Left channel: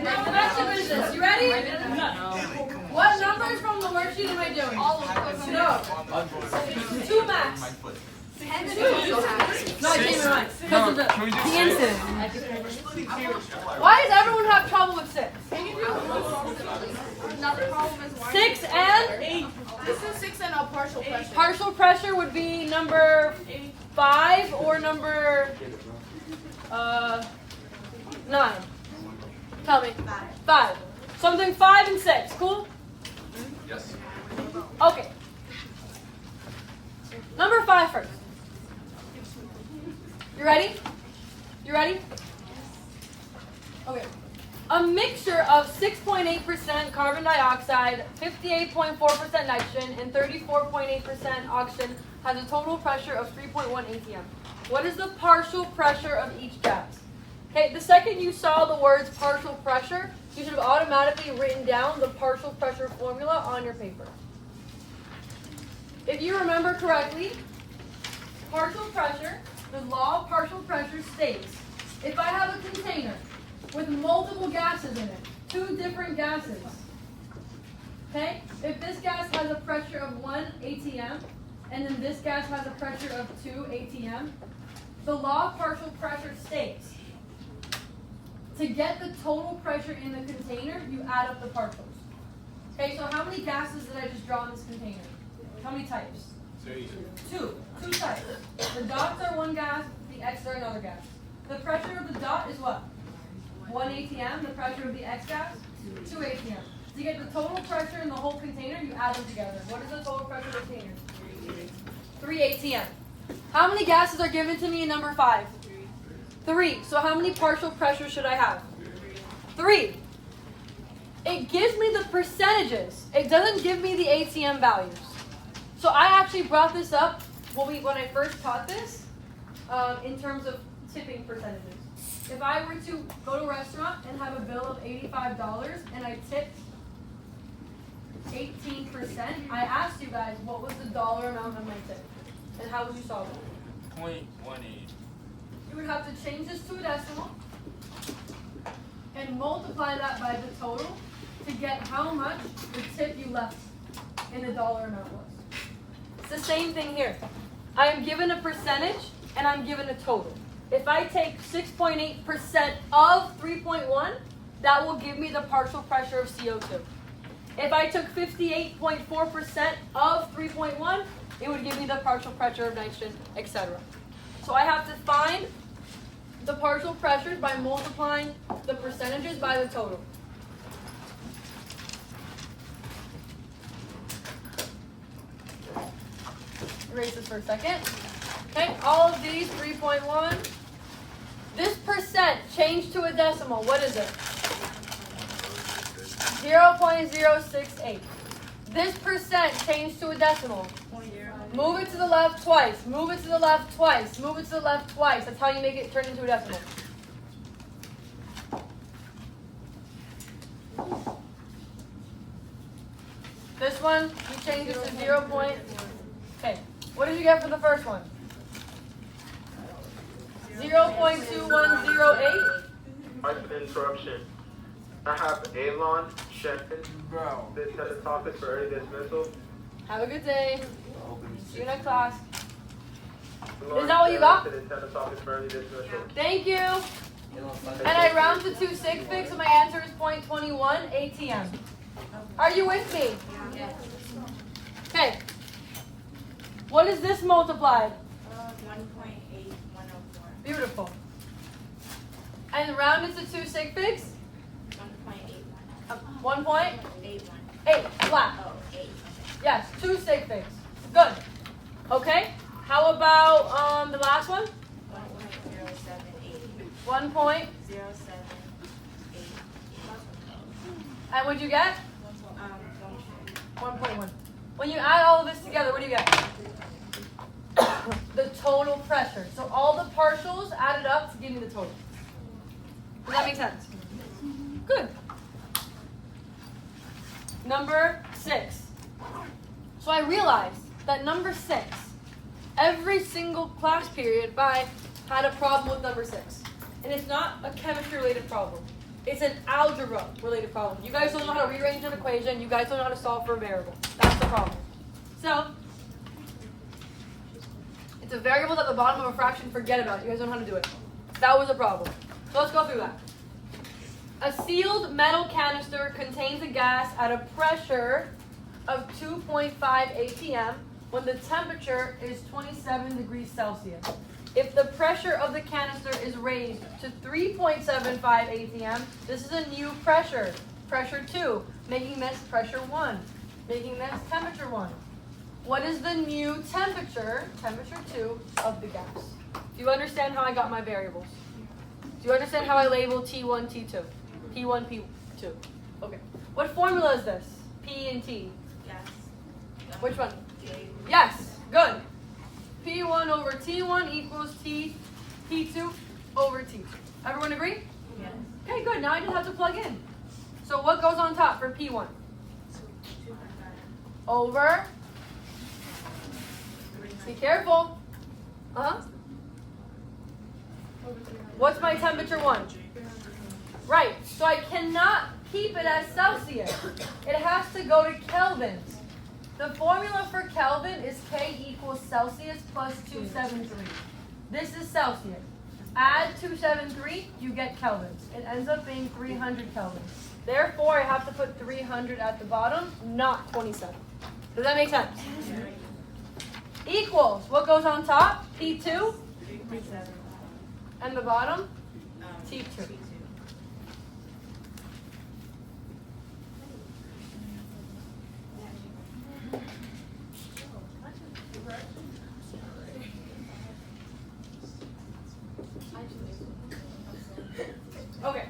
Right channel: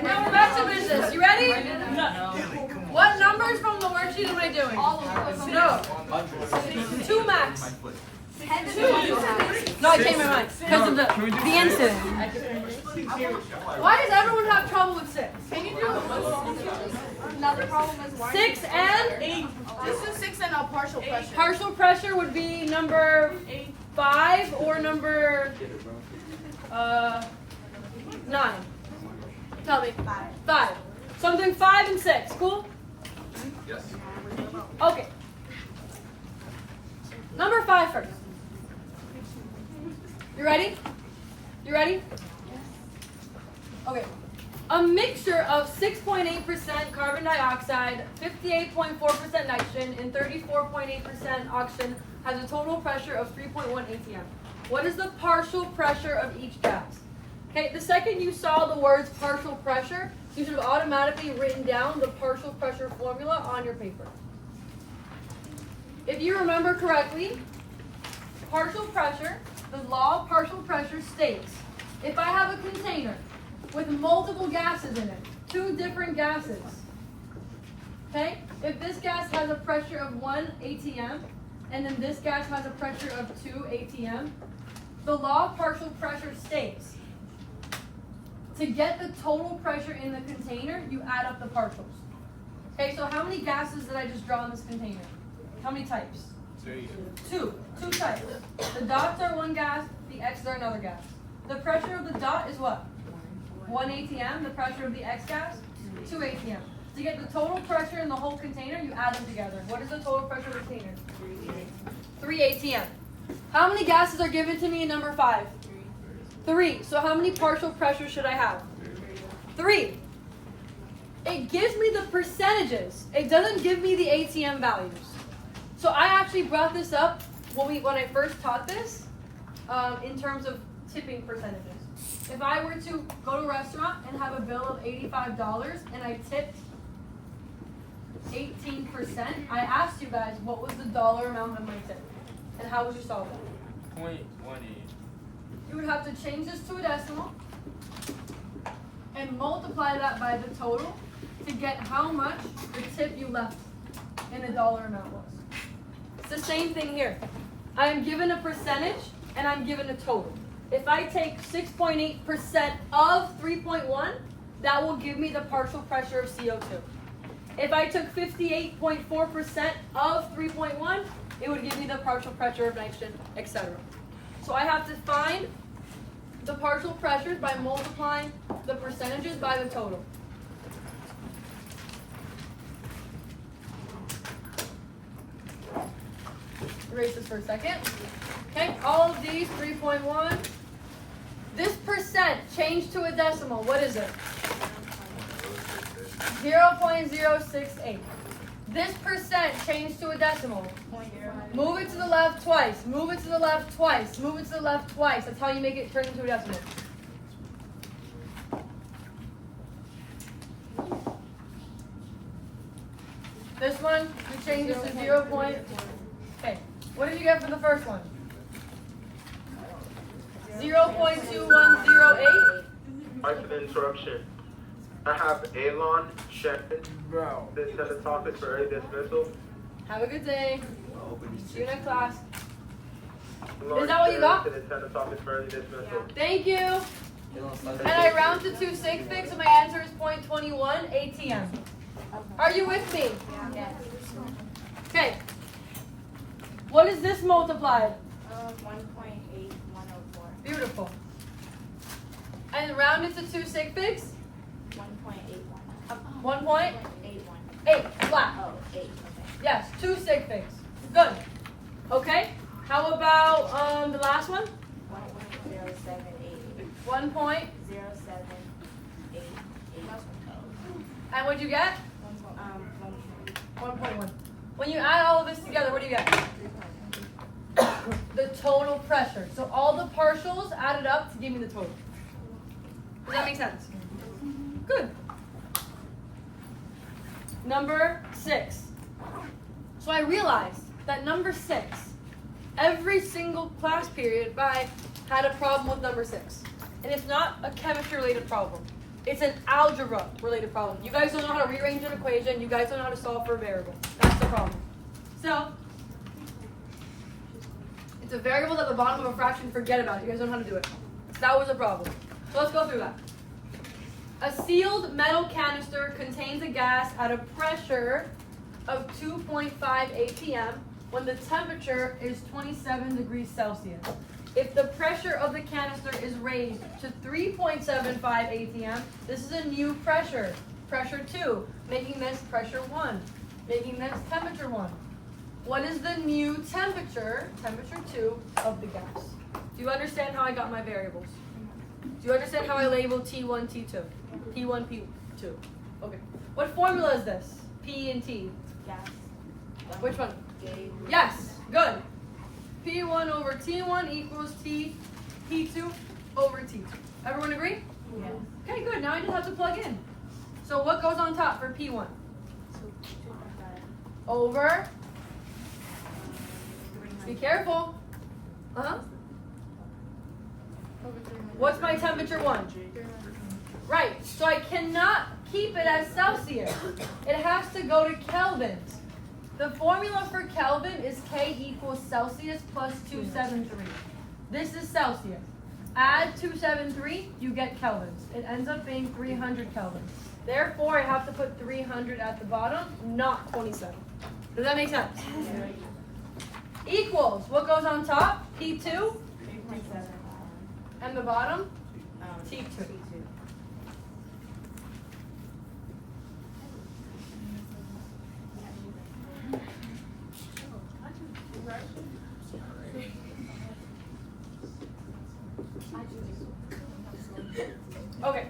Back to business. You ready? No. What numbers from the worksheet am I doing? All of them. No. 2 max. 2. No, I changed my mind. Because of the incident. Why does everyone have trouble with 6? Another problem is 6 and 8. This is 6 and a partial pressure. Partial pressure would be number 5 or number 9. Tell me. 5. So I'm doing 5 and 6. Cool? Yes. Okay. Number 5 first. You ready? You ready? Okay. A mixture of 6.8% carbon dioxide, 58.4% nitrogen, and 34.8% oxygen has a total pressure of 3.1 atm. What is the partial pressure of each gas? Okay, the second you saw the words partial pressure, you should have automatically written down the partial pressure formula on your paper. If you remember correctly, partial pressure, the law of partial pressure states, if I have a container with multiple gases in it, 2 different gases, okay? If this gas has a pressure of 1 atm, and then this gas has a pressure of 2 atm, the law of partial pressure states, to get the total pressure in the container, you add up the partials. Okay, so how many gases did I just draw in this container? How many types? 2. 2 types. The dots are 1 gas, the X's are another gas. The pressure of the dot is what? 1 atm. The pressure of the X gas? 2 atm. To get the total pressure in the whole container, you add them together. What is the total pressure of the container? 3 atm. How many gases are given to me in number 5? 3. So how many partial pressures should I have? 3. It gives me the percentages. It doesn't give me the atm values. So I actually brought this up when I first taught this in terms of tipping percentages. If I were to go to a restaurant and have a bill of $85 and I tipped 18%, I asked you guys what was the dollar amount of my tip, and how would you solve that? 0.18. You would have to change this to a decimal and multiply that by the total to get how much the tip you left in the dollar amount was. It's the same thing here. I am given a percentage and I'm given a total. If I take 6.8% of 3.1, that will give me the partial pressure of CO2. If I took 58.4% of 3.1, it would give me the partial pressure of nitrogen, etc. So I have to find the partial pressures by multiplying the percentages by the total. Erase this for a second. Okay, all of these, 3.1. This percent changed to a decimal. What is it? 0.068. This percent changed to a decimal. Move it to the left twice. Move it to the left twice. Move it to the left twice. That's how you make it turn into a decimal. This one, you change it to 0. Okay. What did you get for the first one? 0.2108. Sorry for the interruption. I have Alon, Shannon, the attendance office for early dismissal. Have a good day. See you next class. Lauren Is that what you got? To the attendance office for early dismissal. Thank you. And I round to 2 sig figs, so my answer is 0.21 atm. Are you with me? Okay. What is this multiplied? 1.8104. Beautiful. And round it to 2 sig figs? 1.81. 1.8 81. flat. Oh, 8. Yes, 2 sig figs. Good. Okay. How about the last one? 1.078. 1 point. 078. And what'd you get? 1. 1.1. When you add all of this together, what do you get? The total pressure. So all the partials added up to give me the total. Does that make sense? Good. Number 6. So I realized that number 6, every single class period I had a problem with number 6. And it's not a chemistry related problem. It's an algebra related problem. You guys don't know how to rearrange an equation. You guys don't know how to solve for a variable. That's the problem. So, it's a variable at the bottom of a fraction. Forget about it. You guys don't know how to do it. That was a problem. So let's go through that. A sealed metal canister contains a gas at a pressure of 2.5 atm when the temperature is 27 degrees Celsius. If the pressure of the canister is raised to 3.75 atm, this is a new pressure, pressure 2, making this pressure 1, making this temperature 1. What is the new temperature, temperature 2, of the gas? Do you understand how I got my variables? Do you understand how I labeled T1, T2? P1, P2. Okay. What formula is this? P and T. Gas. Which one? J. Yes. Good. P1 over T1 equals P2 over T2. Everyone agree? Yes. Okay, good. Now I just have to plug in. So what goes on top for P1? So 2.5. Over. Be careful. What's my temperature 1? Right. So I cannot keep it as Celsius. It has to go to kelvins. The formula for Kelvin is K equals Celsius plus 273. This is Celsius. Add 273, you get kelvins. It ends up being 300 kelvins. Therefore, I have to put 300 at the bottom, not 27. Does that make sense? Equals, what goes on top? T2. And the bottom? T2. Okay,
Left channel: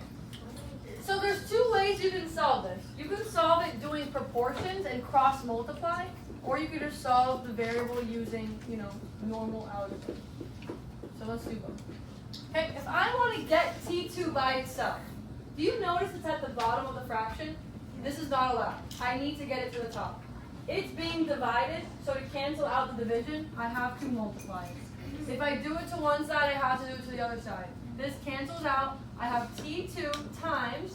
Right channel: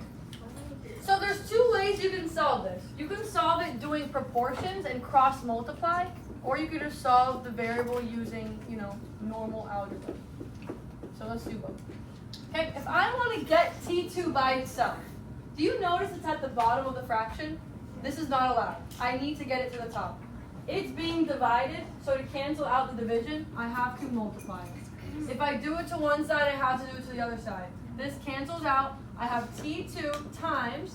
so there's two ways you can solve this. You can solve it doing proportions and cross multiply, or you could just solve the variable using, normal algebra. So let's do both. Okay, if I want to get T2 by itself, do you notice it's at the bottom of the fraction? This is not allowed. I need to get it to the top. It's being divided, so to cancel out the division, I have to multiply it. If I do it to one side, I have to do it to the other side. This cancels out. I have T2 times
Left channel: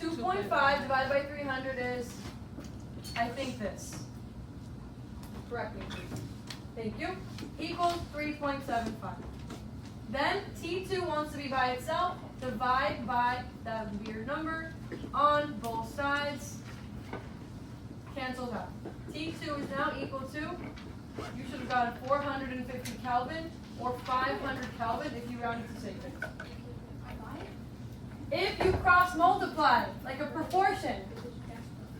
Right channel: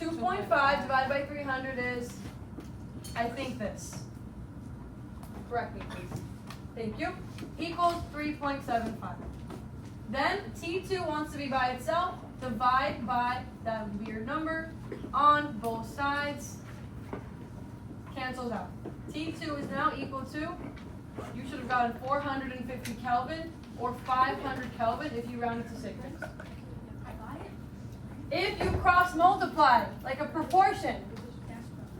2.5 divided by 300 is, I think this. Correct me, please. Thank you. Equals 3.75. Then T2 wants to be by itself. Divide by that weird number on both sides. Cancels out. T2 is now equal to, you should have gotten 450 Kelvin or 500 Kelvin if you rounded to safety. If you cross multiply, like a proportion,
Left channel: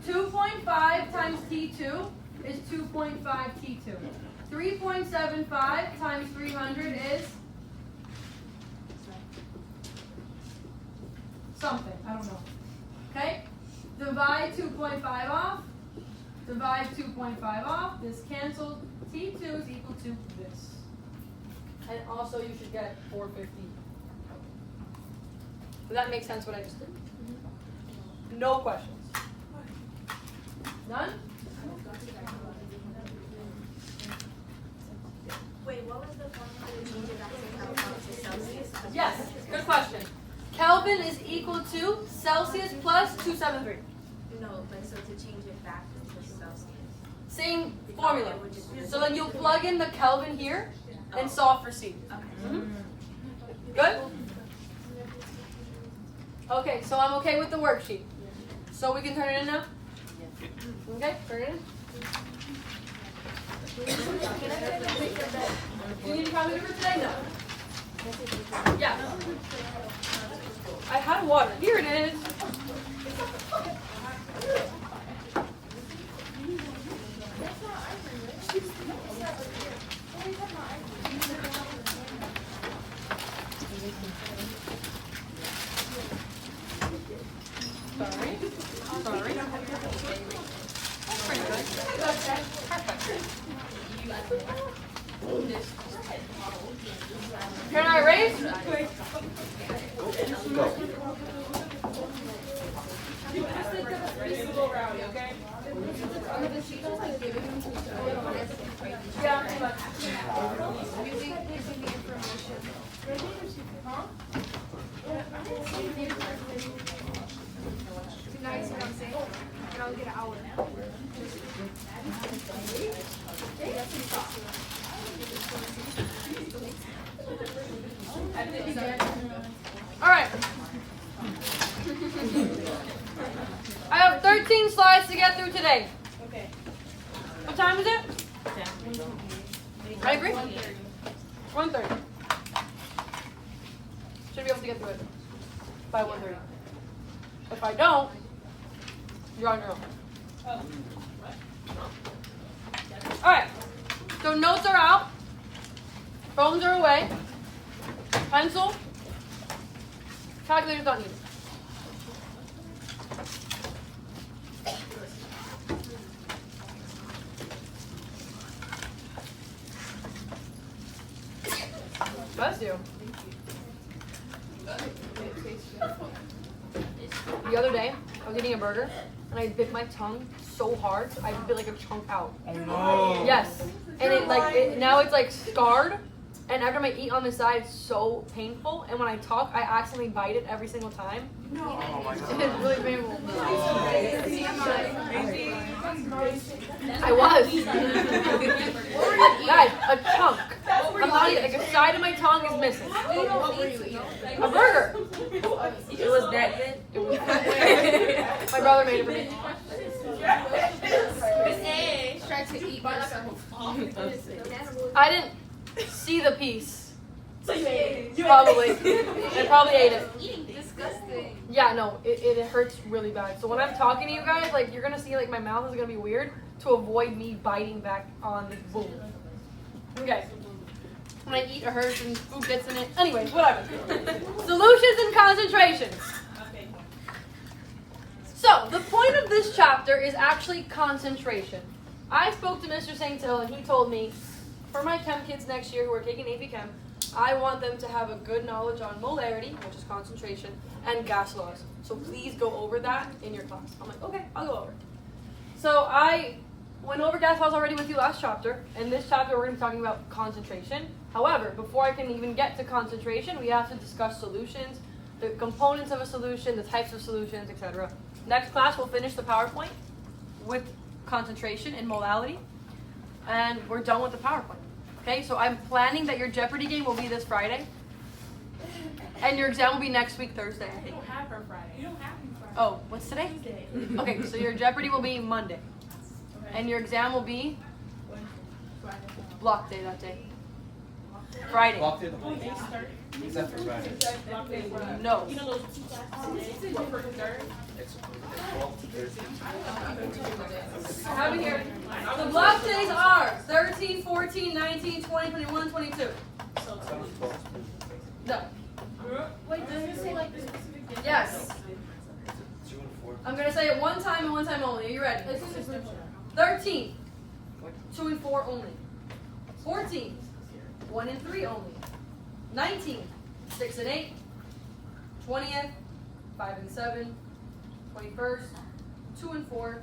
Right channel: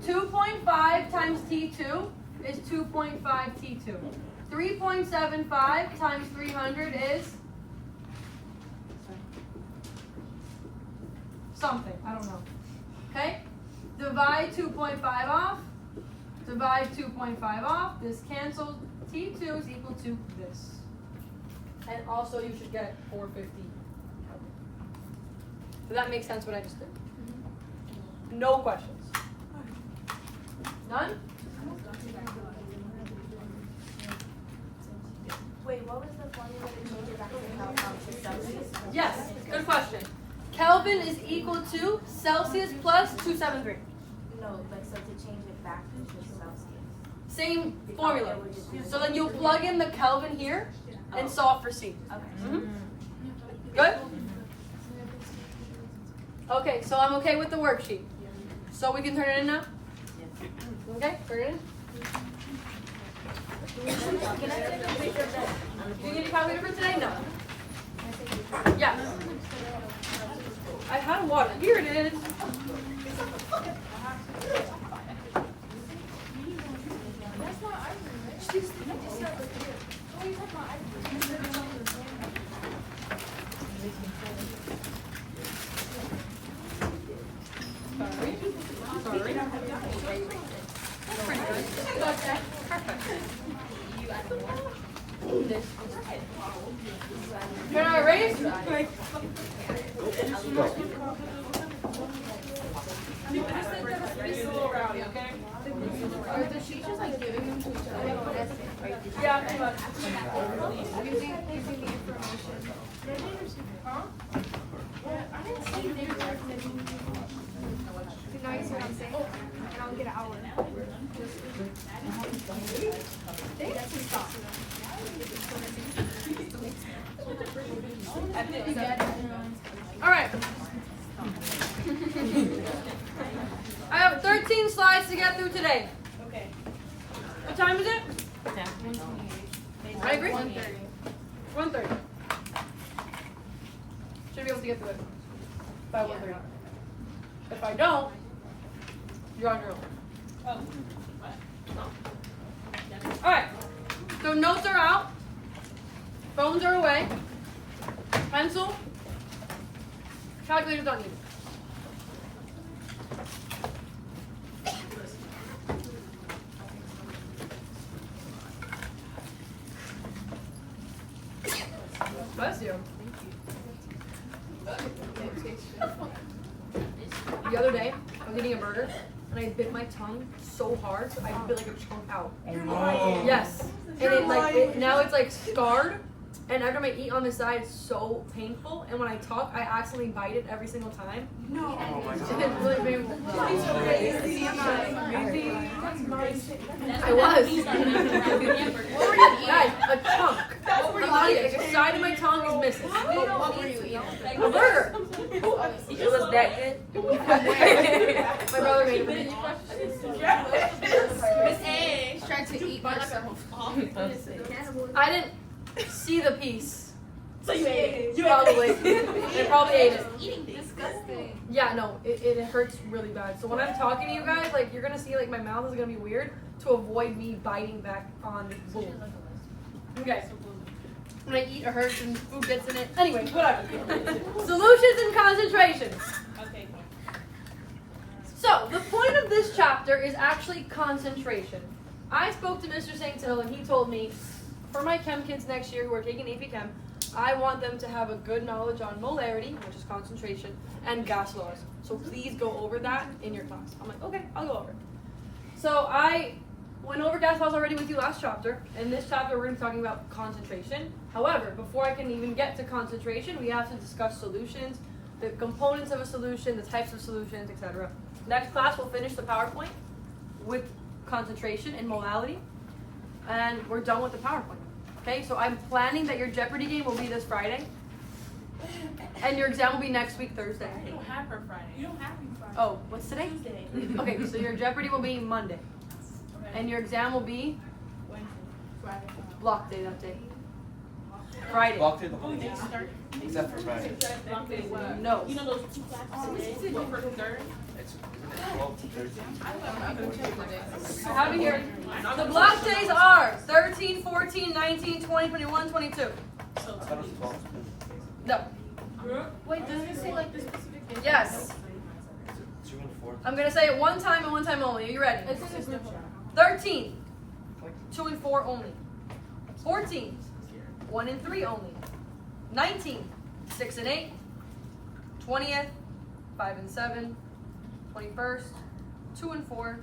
2.5 times T2 is 2.5 T2. 3.75 times 300 is something, I don't know. Okay? Divide 2.5 off. Divide 2.5 off. This cancels. T2 is equal to this. And also you should get 450. Does that make sense what I just did? No questions. None? Wait, what was the formula to change it back to Celsius? Yes, good question. Kelvin is equal to Celsius plus 273. No, like so to change it back to Celsius. Same formula. So then you'll plug in the Kelvin here and solve for C. Okay. Good? Okay, so I'm okay with the worksheet. So we can turn it in now? Okay, turn it in. Do you need a copy for today? No. Yeah. I had water. Here it is. Can I erase? Yeah, pretty much. through today. Okay. What time is it? I agree. 1:30. Should be able to get through it by 1:30. If I don't, you're on your own. Alright. So notes are out. Phones are away. Pencil. Calculator's not needed. Bless you. The other day, I was eating a burger and I bit my tongue so hard, I bit like a chunk out. Oh no. Yes, and now it's like scarred. And after I eat on the side, it's so painful. And when I talk, I accidentally bite it every single time. Oh my It's god. really painful. I was. Guys, a chunk. I'm not even, like a side of my tongue is missing. A burger. It was that good. My brother made it for me. Miss A tried to eat herself. I didn't see the piece. So you ate it. Probably. I probably ate it. Disgusting. Yeah, no, it hurts really bad. So when I'm talking to you guys, like you're gonna see like my mouth is gonna be weird to avoid me biting back on boom. Okay. When I eat, it hurts and food gets in it. Anyways, whatever. Solutions and concentrations. So the point of this chapter is actually concentration. I spoke to Mr. St. Hill and he told me for my chem kids next year who are taking AP Chem, I want them to have a good knowledge on molarity, which is concentration, and gas laws. So please go over that in your class. I'm like, okay, I'll go over it. So I went over gas laws already with you last chapter. In this chapter, we're going to be talking about concentration. However, before I can even get to concentration, we have to discuss solutions, the components of a solution, the types of solutions, etc. Next class, we'll finish the PowerPoint with concentration and molality. And we're done with the PowerPoint. Okay, so I'm planning that your Jeopardy game will be this Friday. And your exam will be next week, Thursday. You don't have her Friday. You don't have me Friday. Oh, what's today? Okay, so your Jeopardy will be Monday. And your exam will be block day that day. Friday. Walked in the whole day. Except for Friday. No. You know those two classes? It's December 3rd. It's 12 to 13. I have it here. The block days are 13, 14, 19, 20, 21, 22. I thought it was 12. No. Wait, does it say like the specific day? Yes. Is it 2 and 4? I'm going to say it one time and one time only. Are you ready? 13, 2 and 4 only. 14, 1 and 3 only. 19, 6 and 8. 20th, 5 and 7. 21st, 2 and 4.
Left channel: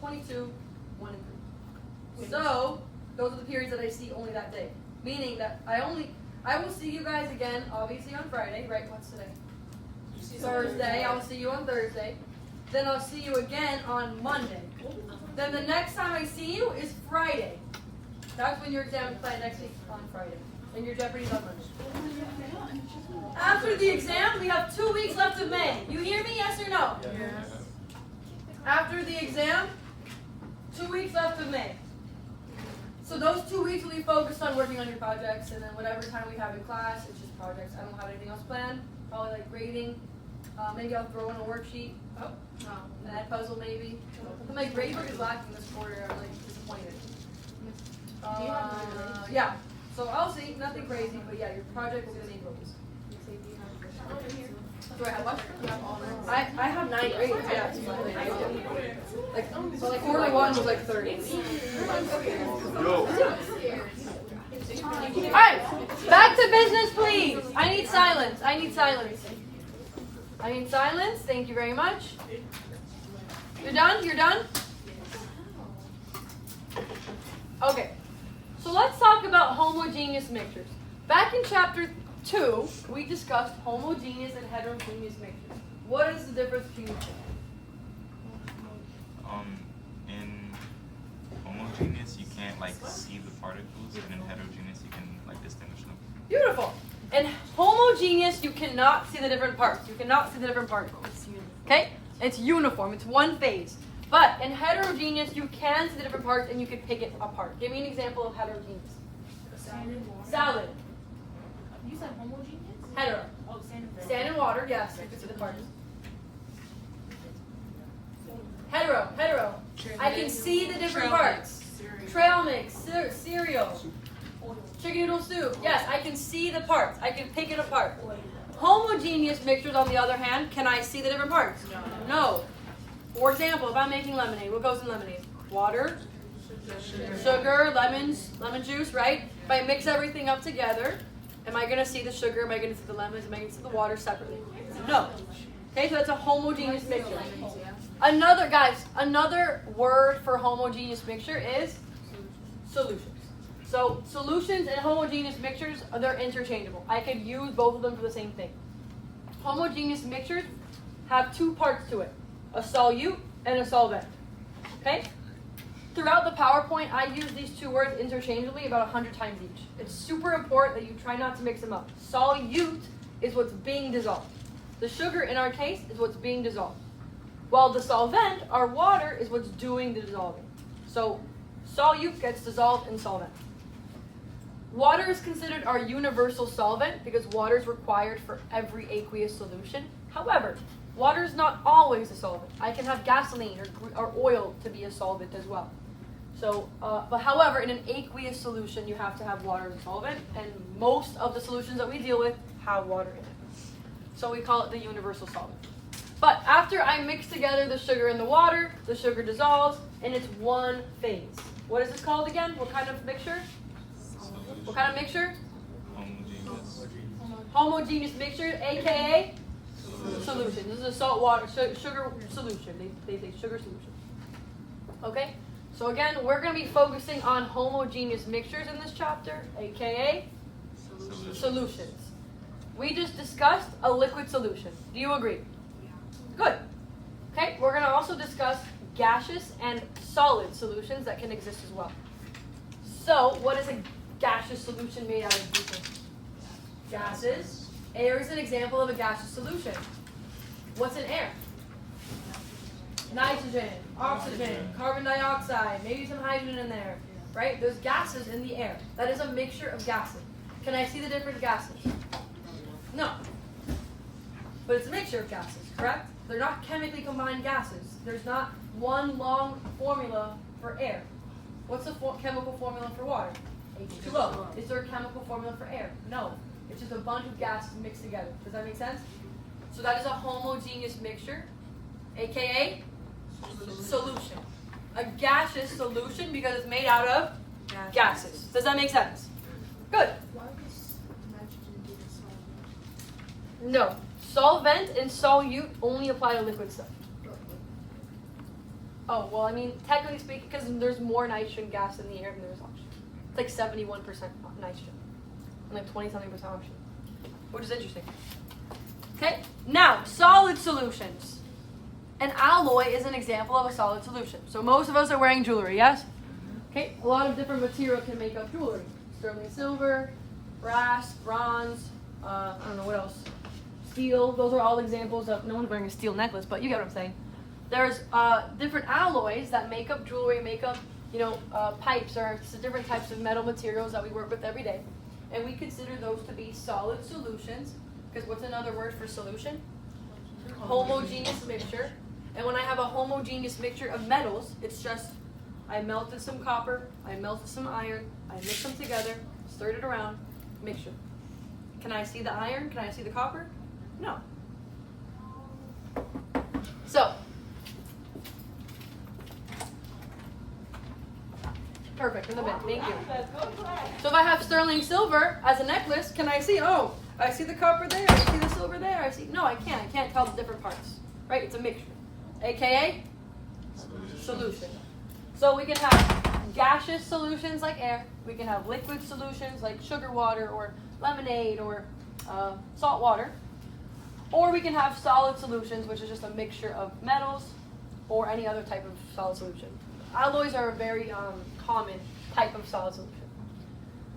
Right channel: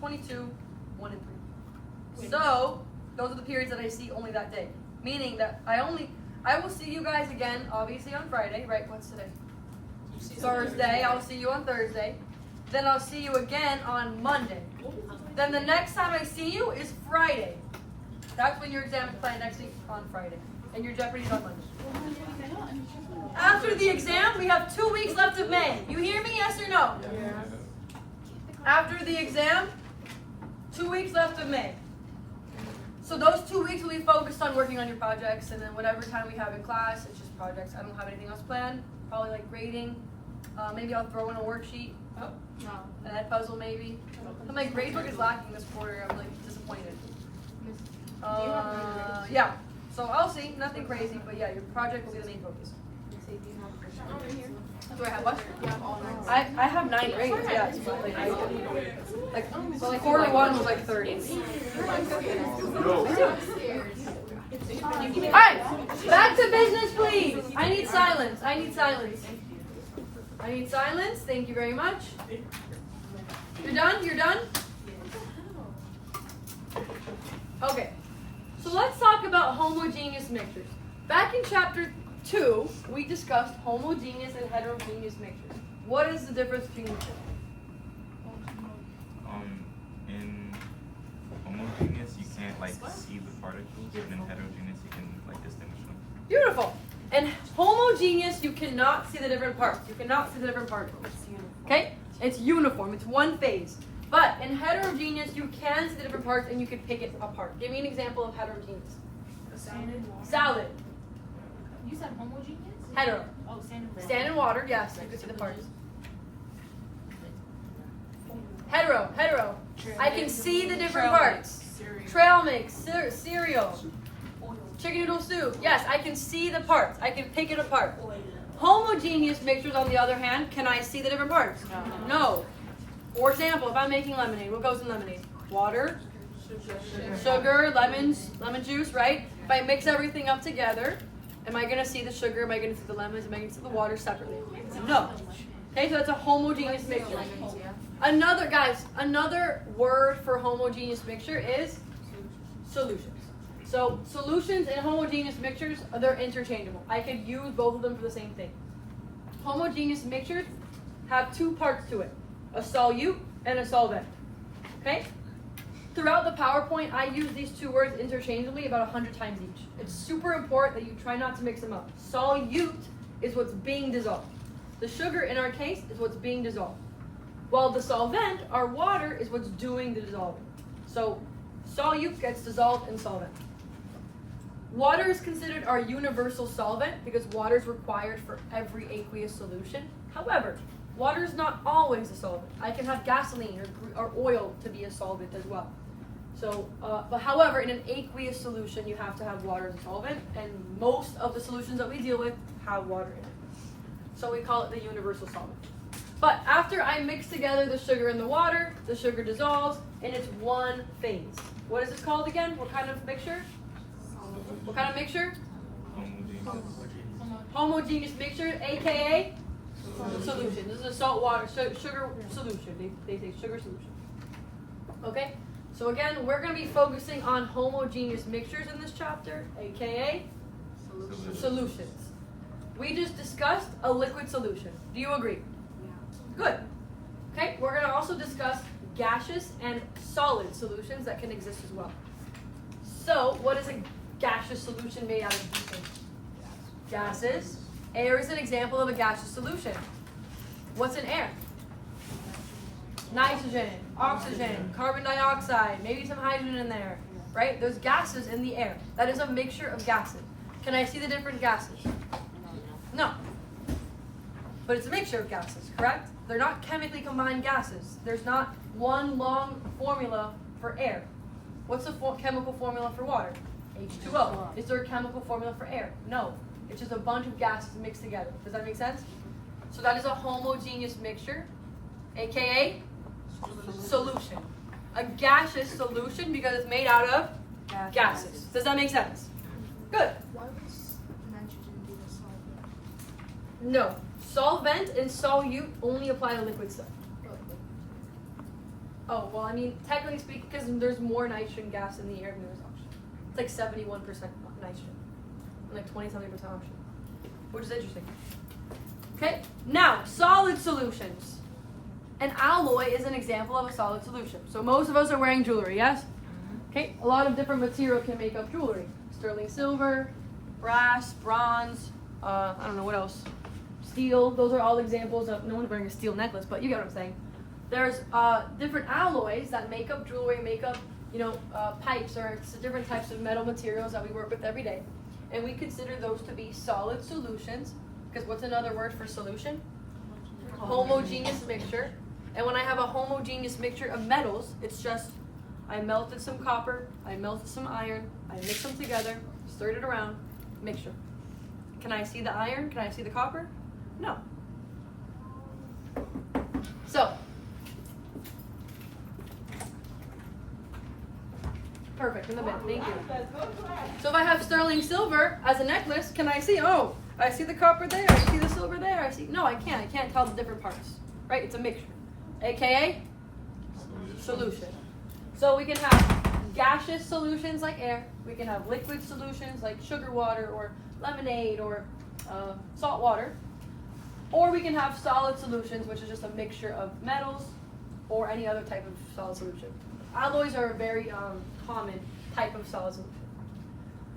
22, 1 and 3. So, those are the periods that I see only that day. Meaning that I will see you guys again, obviously on Friday, right? What's today? Thursday. I'll see you on Thursday. Then I'll see you again on Monday. Then the next time I see you is Friday. That's when your exam is planned next week on Friday. And your Jeopardy's on Monday. After the exam, we have 2 weeks left of May. You hear me, yes or no? After the exam, 2 weeks left of May. So those 2 weeks will be focused on working on your projects, and then whatever time we have in class, it's just projects. I don't have anything else planned. Probably like grading. Maybe I'll throw in a worksheet. Oh, no. An ad puzzle maybe. But my grade book is lacking this quarter. I'm like disappointed. Yeah. So I'll see. Nothing crazy, but yeah, your project will be the main focus. Do I have what? I have 9 grades, yeah. It's not like quarter 1 was like 30. Yo. Alright, back to business, please. I need silence. I need silence. I need silence. Thank you very much. You're done? You're done? Okay. So let's talk about homogeneous mixtures. Back in chapter 2, we discussed homogeneous and heterogeneous mixtures. What is the difference between the two? In homogeneous, you can't like see the particles, and in heterogeneous, you can like distinguish them. Beautiful. In homogeneous, you cannot see the different parts. You cannot see the different particles. Okay? It's uniform. It's one phase. But in heterogeneous, you can see the different parts and you can pick it apart. Give me an example of heterogeneous. Salad. You said homogeneous? Hetero. Oh, sand and Stand in water, yes, you can see the parts. Hetero. I can see the different parts. Trail mix, cereal, chicken noodle soup. Yes, I can see the parts. I can pick it apart. Homogeneous mixtures, on the other hand, can I see the different parts? No. For example, if I'm making lemonade, what goes in lemonade? Water, sugar, lemon juice, right? If I mix everything up together, am I going to see the sugar? Am I going to see the lemons? Am I going to see the water separately? No. Okay, so that's a homogeneous mixture. Another word for homogeneous mixture is solutions. So solutions and homogeneous mixtures, they're interchangeable. I could use both of them for the same thing. Homogeneous mixtures have two parts to it, a solute and a solvent. Okay? Throughout the PowerPoint, I use these two words interchangeably about 100 times each. It's super important that you try not to mix them up. Solute is what's being dissolved. The sugar, in our case, is what's being dissolved. While the solvent, our water, is what's doing the dissolving. So solute gets dissolved in solvent. Water is considered our universal solvent because water is required for every aqueous solution. However, water is not always a solvent. I can have gasoline or oil to be a solvent as well. So, but however, in an aqueous solution, you have to have water as a solvent, and most of the solutions that we deal with have water in it. So we call it the universal solvent. But after I mix together the sugar and the water, the sugar dissolves, and it's one phase. What is this called again? What kind of mixture? What kind of mixture? Homogeneous mixture, aka solution. This is a salt water sugar solution. They say sugar solution. Okay? So again, we're going to be focusing on homogeneous mixtures in this chapter, aka solutions. We just discussed a liquid solution. Do you agree? Good. Okay, we're going to also discuss gaseous and solid solutions that can exist as well. So, what is a gaseous solution made out of? Do you think? Gases. Air is an example of a gaseous solution. What's in air? Nitrogen, oxygen, carbon dioxide, maybe some hydrogen in there, right? There's gases in the air. That is a mixture of gases. Can I see the different gases? No. But it's a mixture of gases, correct? They're not chemically combined gases. There's not one long formula for air. What's the chemical formula for water? H2O. Is there a chemical formula for air? No. It's just a bunch of gases mixed together. Does that make sense? So that is a homogeneous mixture, aka solution. A gaseous solution because it's made out of gases. Does that make sense? Good. Why was nitrogen given solvent? No. Solvent and solute only apply to liquid stuff. Oh, well, I mean, technically speaking, because there's more nitrogen gas in the air than there's oxygen. It's like 71% nitrogen and like 20-something% oxygen, which is interesting. Okay, now, solid solutions. An alloy is an example of a solid solution. So most of us are wearing jewelry, yes? Okay, a lot of different material can make up jewelry. Sterling silver, brass, bronze, I don't know what else. Steel, those are all examples of, no one's wearing a steel necklace, but you get what I'm saying. There's different alloys that make up jewelry, make up, pipes or different types of metal materials that we work with every day. And we consider those to be solid solutions, because what's another word for solution? Homogeneous mixture. And when I have a homogeneous mixture of metals, it's just, I melted some copper, I melted some iron, I mixed them together, stirred it around, mixture. Can I see the iron? Can I see the copper? No. So, perfect, in the bin, thank you. So if I have sterling silver as a necklace, can I see, oh, I see the copper there, I see the silver there, no, I can't tell the different parts, right? It's a mixture, aka solution. So we can have gaseous solutions like air, we can have liquid solutions like sugar water or lemonade or salt water, or we can have solid solutions, which is just a mixture of metals or any other type of solid solution. Alloys are a very common type of solid solution.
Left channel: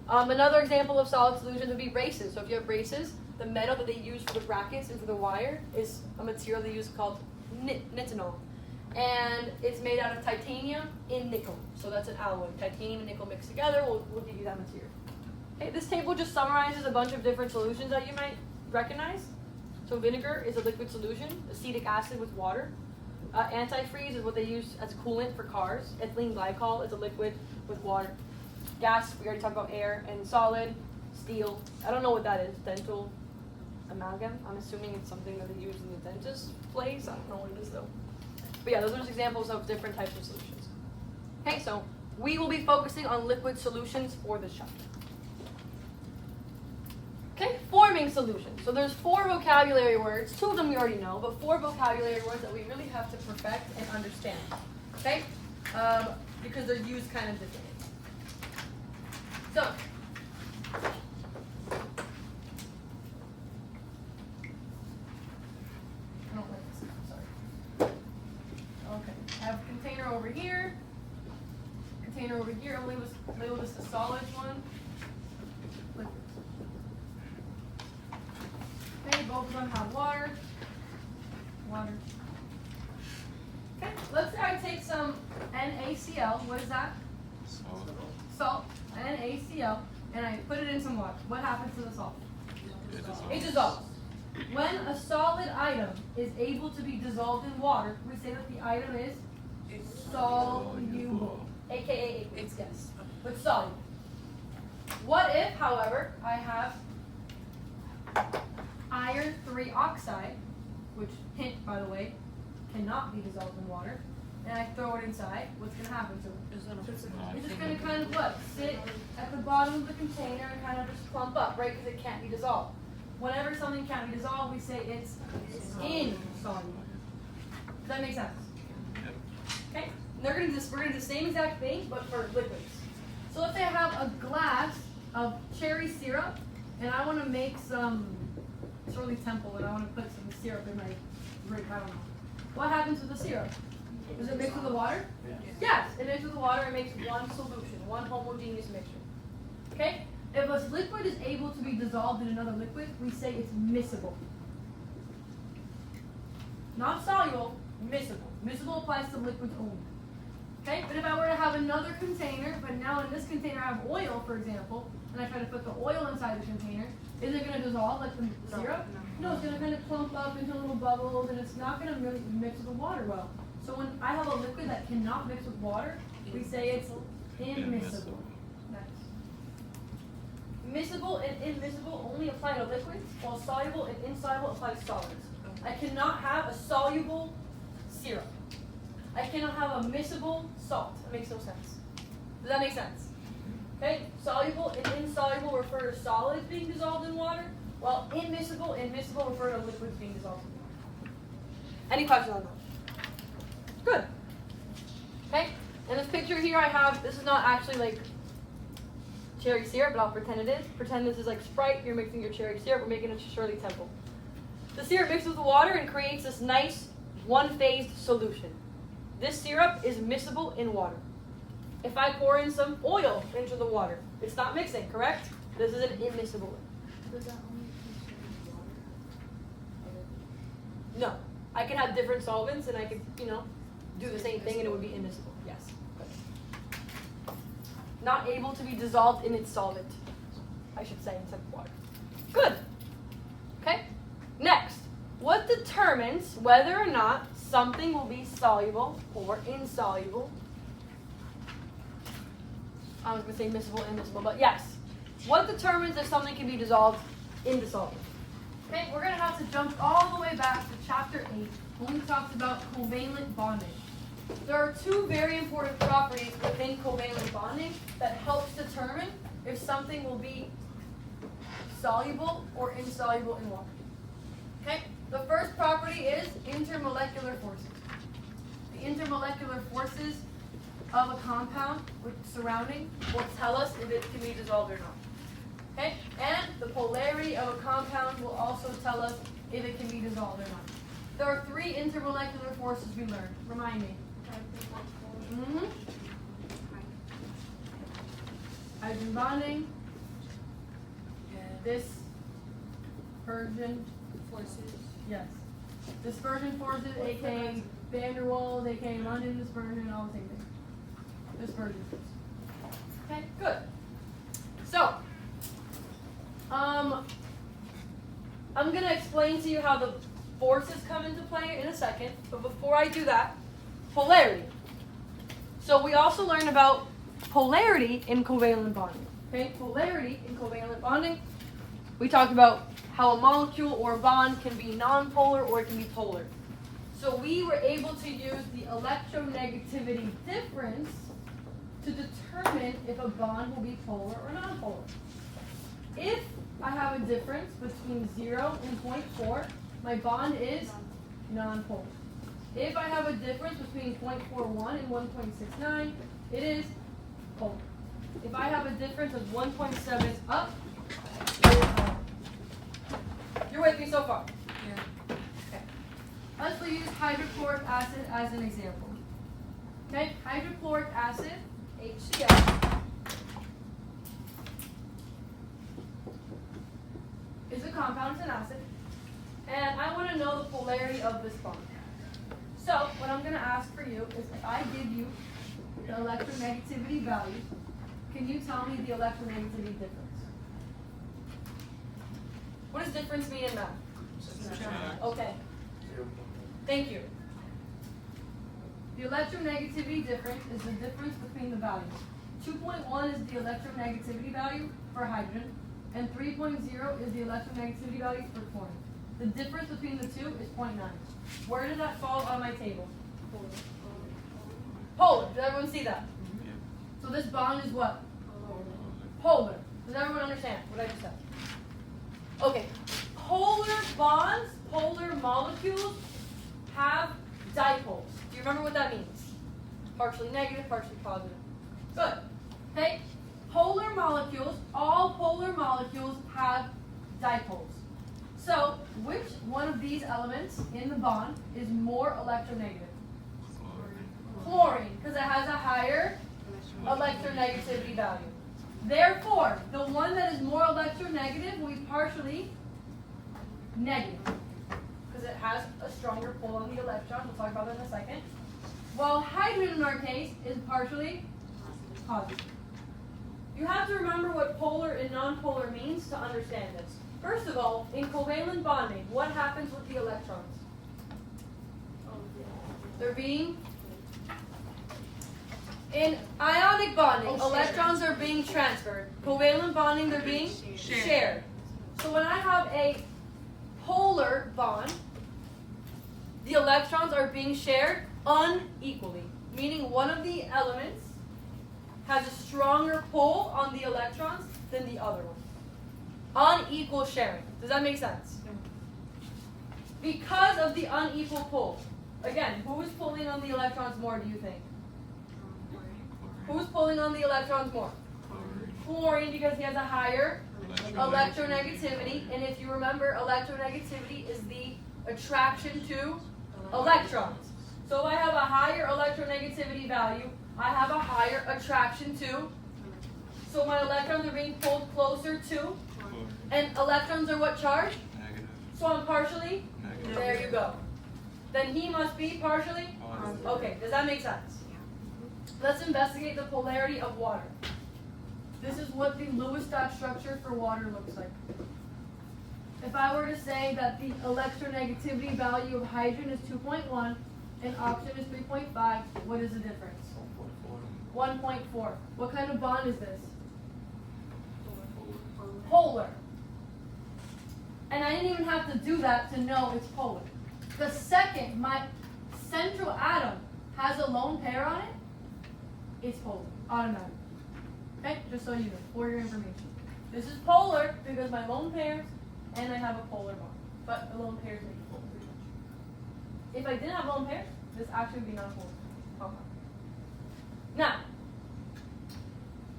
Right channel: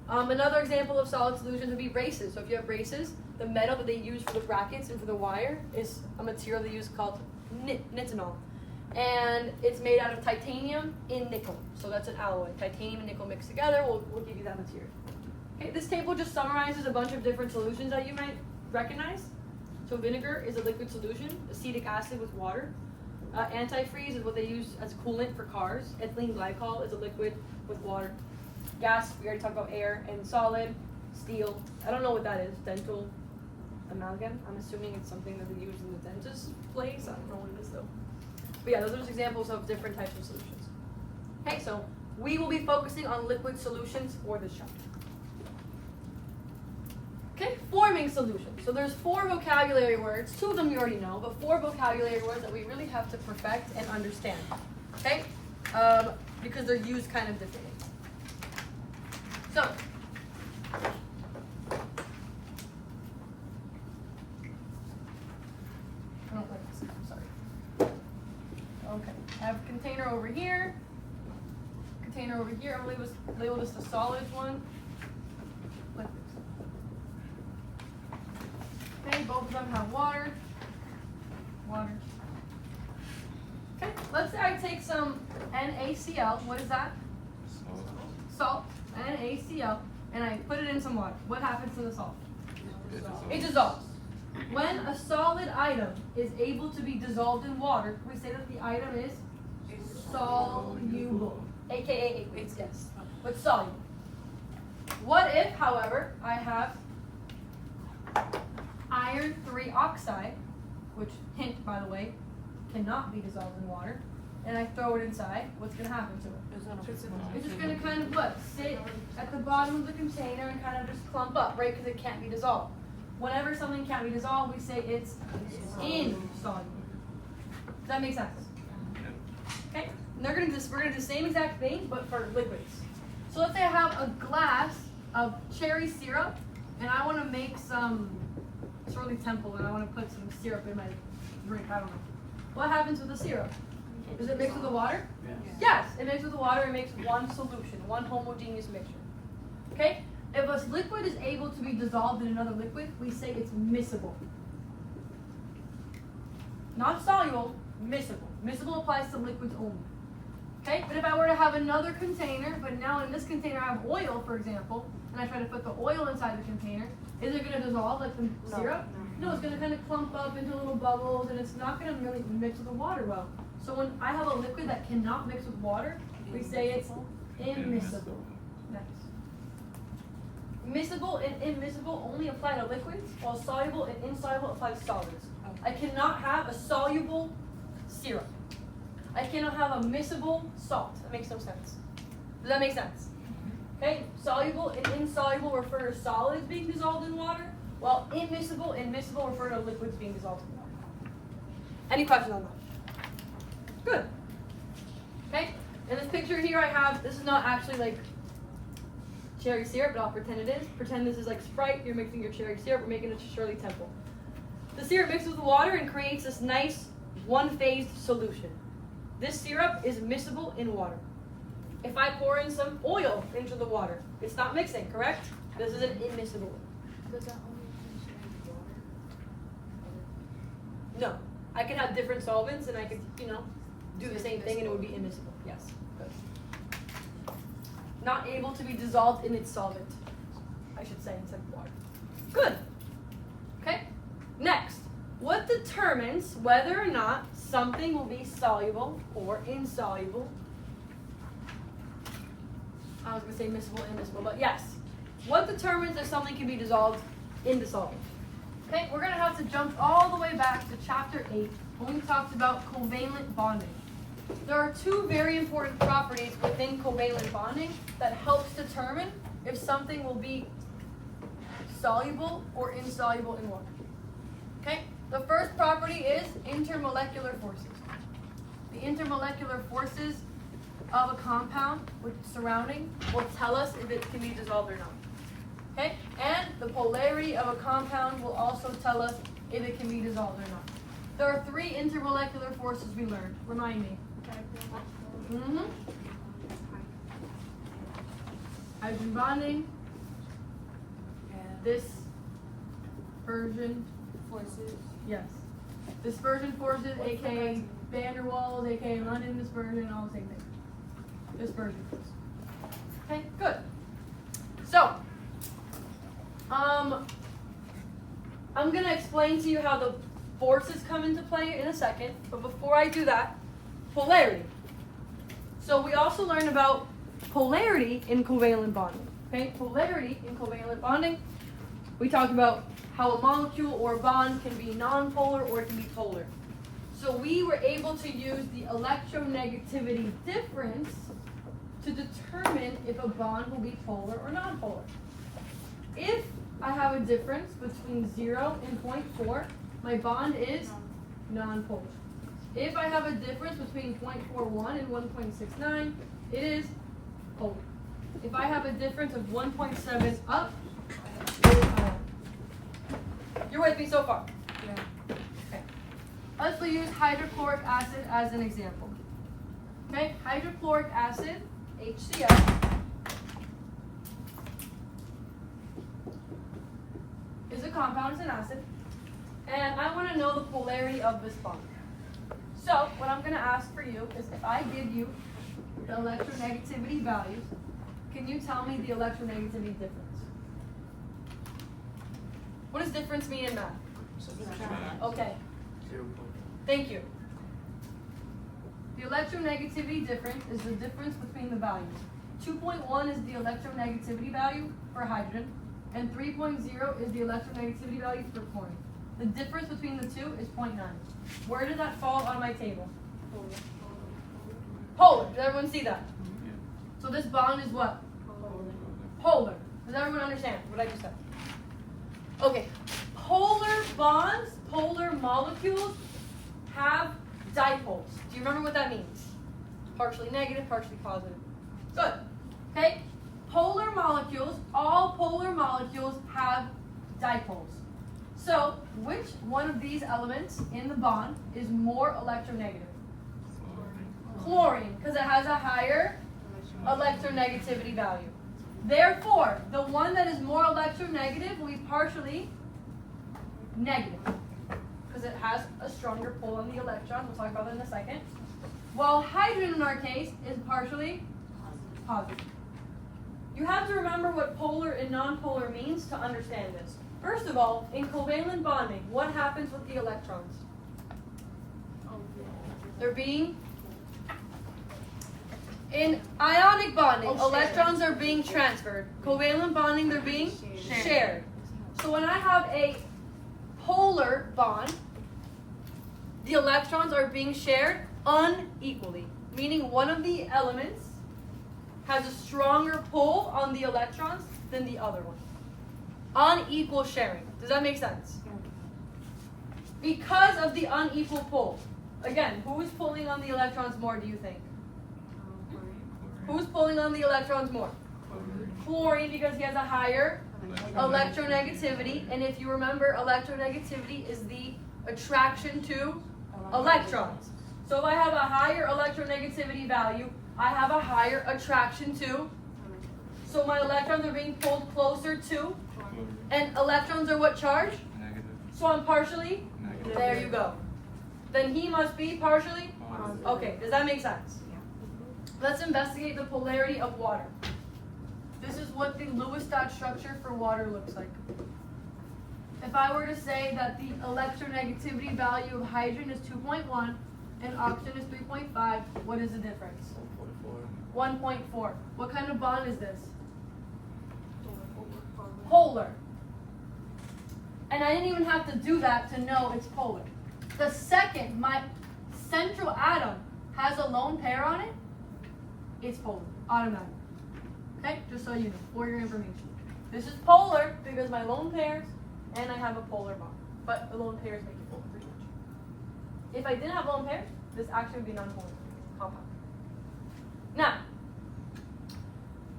Another example of solid solutions would be braces. So if you have braces, the metal that they use for the brackets and for the wire is a material they use called nitinol. and it's made out of titanium in nickel. So that's an alloy. Titanium and nickel mixed together will give you that material. Okay, this table just summarizes a bunch of different solutions that you might recognize. So vinegar is a liquid solution, acetic acid with water. Antifreeze is what they use as coolant for cars. Ethylene glycol is a liquid with water. Gas, we already talked about air, and solid, steel. I don't know what that is. Dental amalgam. I'm assuming it's something that they use in the dentist place. I don't know what it is though. But yeah, those are just examples of different types of solutions. Okay, so we will be focusing on liquid solutions for this chapter. Okay, forming solutions. So there's 4 vocabulary words. 2 of them you already know, but 4 vocabulary words that we really have to perfect and understand. Okay, because they're used kind of differently. So, I don't like this. Sorry. Okay, I have a container over here. Container over here. I'll label this the solids one. Liquids. Okay, both of them have water. Water. Okay, let's say I take some NaCl. What is that? Salt. NaCl. And I put it in some water. What happens to the salt? It dissolves. When a solid item is able to be dissolved in water, we say that the item is soluble. AKA aqueous, yes. But soluble. What if, however, I have iron 3 oxide, which, hint by the way, cannot be dissolved in water, and I throw it inside, what's going to happen to it? It's just going to kind of what? Sit at the bottom of the container and kind of just clump up, right? Because it can't be dissolved. Whenever something can't be dissolved, we say it's insoluble. Does that make sense? Okay? And we're going to do the same exact thing, but for liquids. So let's say I have a glass of cherry syrup, and I want to make some Shirley Temple, and I want to put some syrup in my drink. I don't know. What happens with the syrup? Does it mix with the water? Yes, it mixes with the water. It makes one solution, one homogeneous mixture. Okay? If a liquid is able to be dissolved in another liquid, we say it's miscible. Not soluble, miscible. Miscible applies to liquids only. Okay? But if I were to have another container, but now in this container I have oil, for example, and I try to put the oil inside the container, is it going to dissolve like the syrup? No, it's going to kind of clump up into little bubbles, and it's not going to really mix with the water well. So when I have a liquid that cannot mix with water, we say it's immiscible. Nice. Miscible and immiscible only apply to liquids, while soluble and insoluble apply to solids. I cannot have a soluble syrup. I cannot have a miscible salt. That makes no sense. Does that make sense? Okay, soluble and insoluble refer to solids being dissolved in water, while immiscible and miscible refer to liquids being dissolved in water. Any questions on that? Good. Okay, in this picture here I have, this is not actually like cherry syrup, but I'll pretend it is. Pretend this is like Sprite, you're mixing your cherry syrup, we're making it to Shirley Temple. The syrup mixes with the water and creates this nice one-phased solution. This syrup is miscible in water. If I pour in some oil into the water, it's not mixing, correct? This is an immiscible. No, I could have different solvents and I could, do the same thing and it would be immiscible. Yes. Good. Not able to be dissolved in its solvent, I should say, instead of water. Good. Okay. Next, what determines whether or not something will be soluble or insoluble? I was going to say miscible, immiscible, but yes. What determines if something can be dissolved in the solvent? Okay, we're going to have to jump all the way back to chapter 8 when we talked about covalent bonding. There are 2 very important properties within covalent bonding that helps determine if something will be soluble or insoluble in water. Okay, the first property is intermolecular forces. The intermolecular forces of a compound with surrounding will tell us if it can be dissolved or not. Okay, and the polarity of a compound will also tell us if it can be dissolved or not. There are 3 intermolecular forces we learned. Remind me. Hydrogen bonding. Dispersion. Forces. Yes. Dispersion forces, aka van der Waals, aka London dispersion, all the same thing. Dispersion force. Okay, good. So, I'm gonna explain to you how the forces come into play in a second, but before I do that, polarity. So we also learned about polarity in covalent bonding. Okay, polarity in covalent bonding. We talked about how a molecule or a bond can be nonpolar or it can be polar. So we were able to use the electronegativity difference to determine if a bond will be polar or nonpolar. If I have a difference between 0 and 0.4, my bond is nonpolar. If I have a difference between 0.41 and 1.69, it is polar. If I have a difference of 1.7 up, it is ion. You're with me so far? Yeah. Okay. Let's use hydrochloric acid as an example. Okay, hydrochloric acid, HCl, is a compound, it's an acid, and I want to know the polarity of this bond. So, what I'm going to ask for you is if I give you the electronegativity values, can you tell me the electronegativity difference? What does difference mean in math? Okay, thank you. The electronegativity difference is the difference between the values. 2.1 is the electronegativity value for hydrogen, and 3.0 is the electronegativity value for chlorine. The difference between the two is 0.9. Where does that fall on my table? Polar. Does everyone see that? So this bond is what? Polar. Does everyone understand what I just said? Okay. Polar bonds, polar molecules have dipoles. Do you remember what that means? Partially negative, partially positive. Good. Okay? Polar molecules, all polar molecules have dipoles. So, which one of these elements in the bond is more electronegative? Chlorine, because it has a higher electronegativity value. Therefore, the one that is more electronegative will be partially negative, because it has a stronger pull on the electron. We'll talk about that in a second. While hydrogen, in our case, is partially positive. You have to remember what polar and nonpolar means to understand this. First of all, in covalent bonding, what happens with the electrons? In ionic bonding, electrons are being transferred. Covalent bonding, they're being shared. So when I have a polar bond, the electrons are being shared unequally, meaning one of the elements has a stronger pull on the electrons than the other one. Unequal sharing. Does that make sense? Because of the unequal pull. Again, who is pulling on the electrons more, do you think? Who's pulling on the electrons more? Chlorine, because he has a higher electronegativity. And if you remember, electronegativity is the attraction to electrons. So if I have a higher electronegativity value, I have a higher attraction to. So my electrons are being pulled closer to. And electrons are what charge? Negative. So I'm partially? Negative. There you go. Then he must be partially? Positive. Okay, does that make sense? Let's investigate the polarity of water. This is what the Lewis dot structure for water looks like. If I were to say that the electronegativity value of hydrogen is 2.1 and oxygen is 3.5, what is the difference? 1.4. What kind of bond is this? Polar. And I didn't even have to do that to know it's polar. The second my central atom has a lone pair on it, it's polar, automatic. Okay, just so you know, for your information. This is polar because my lone pairs and I have a polar bond. But the lone pairs make it polar pretty much. If I didn't have lone pairs, this actually would be non-polar compound. Now,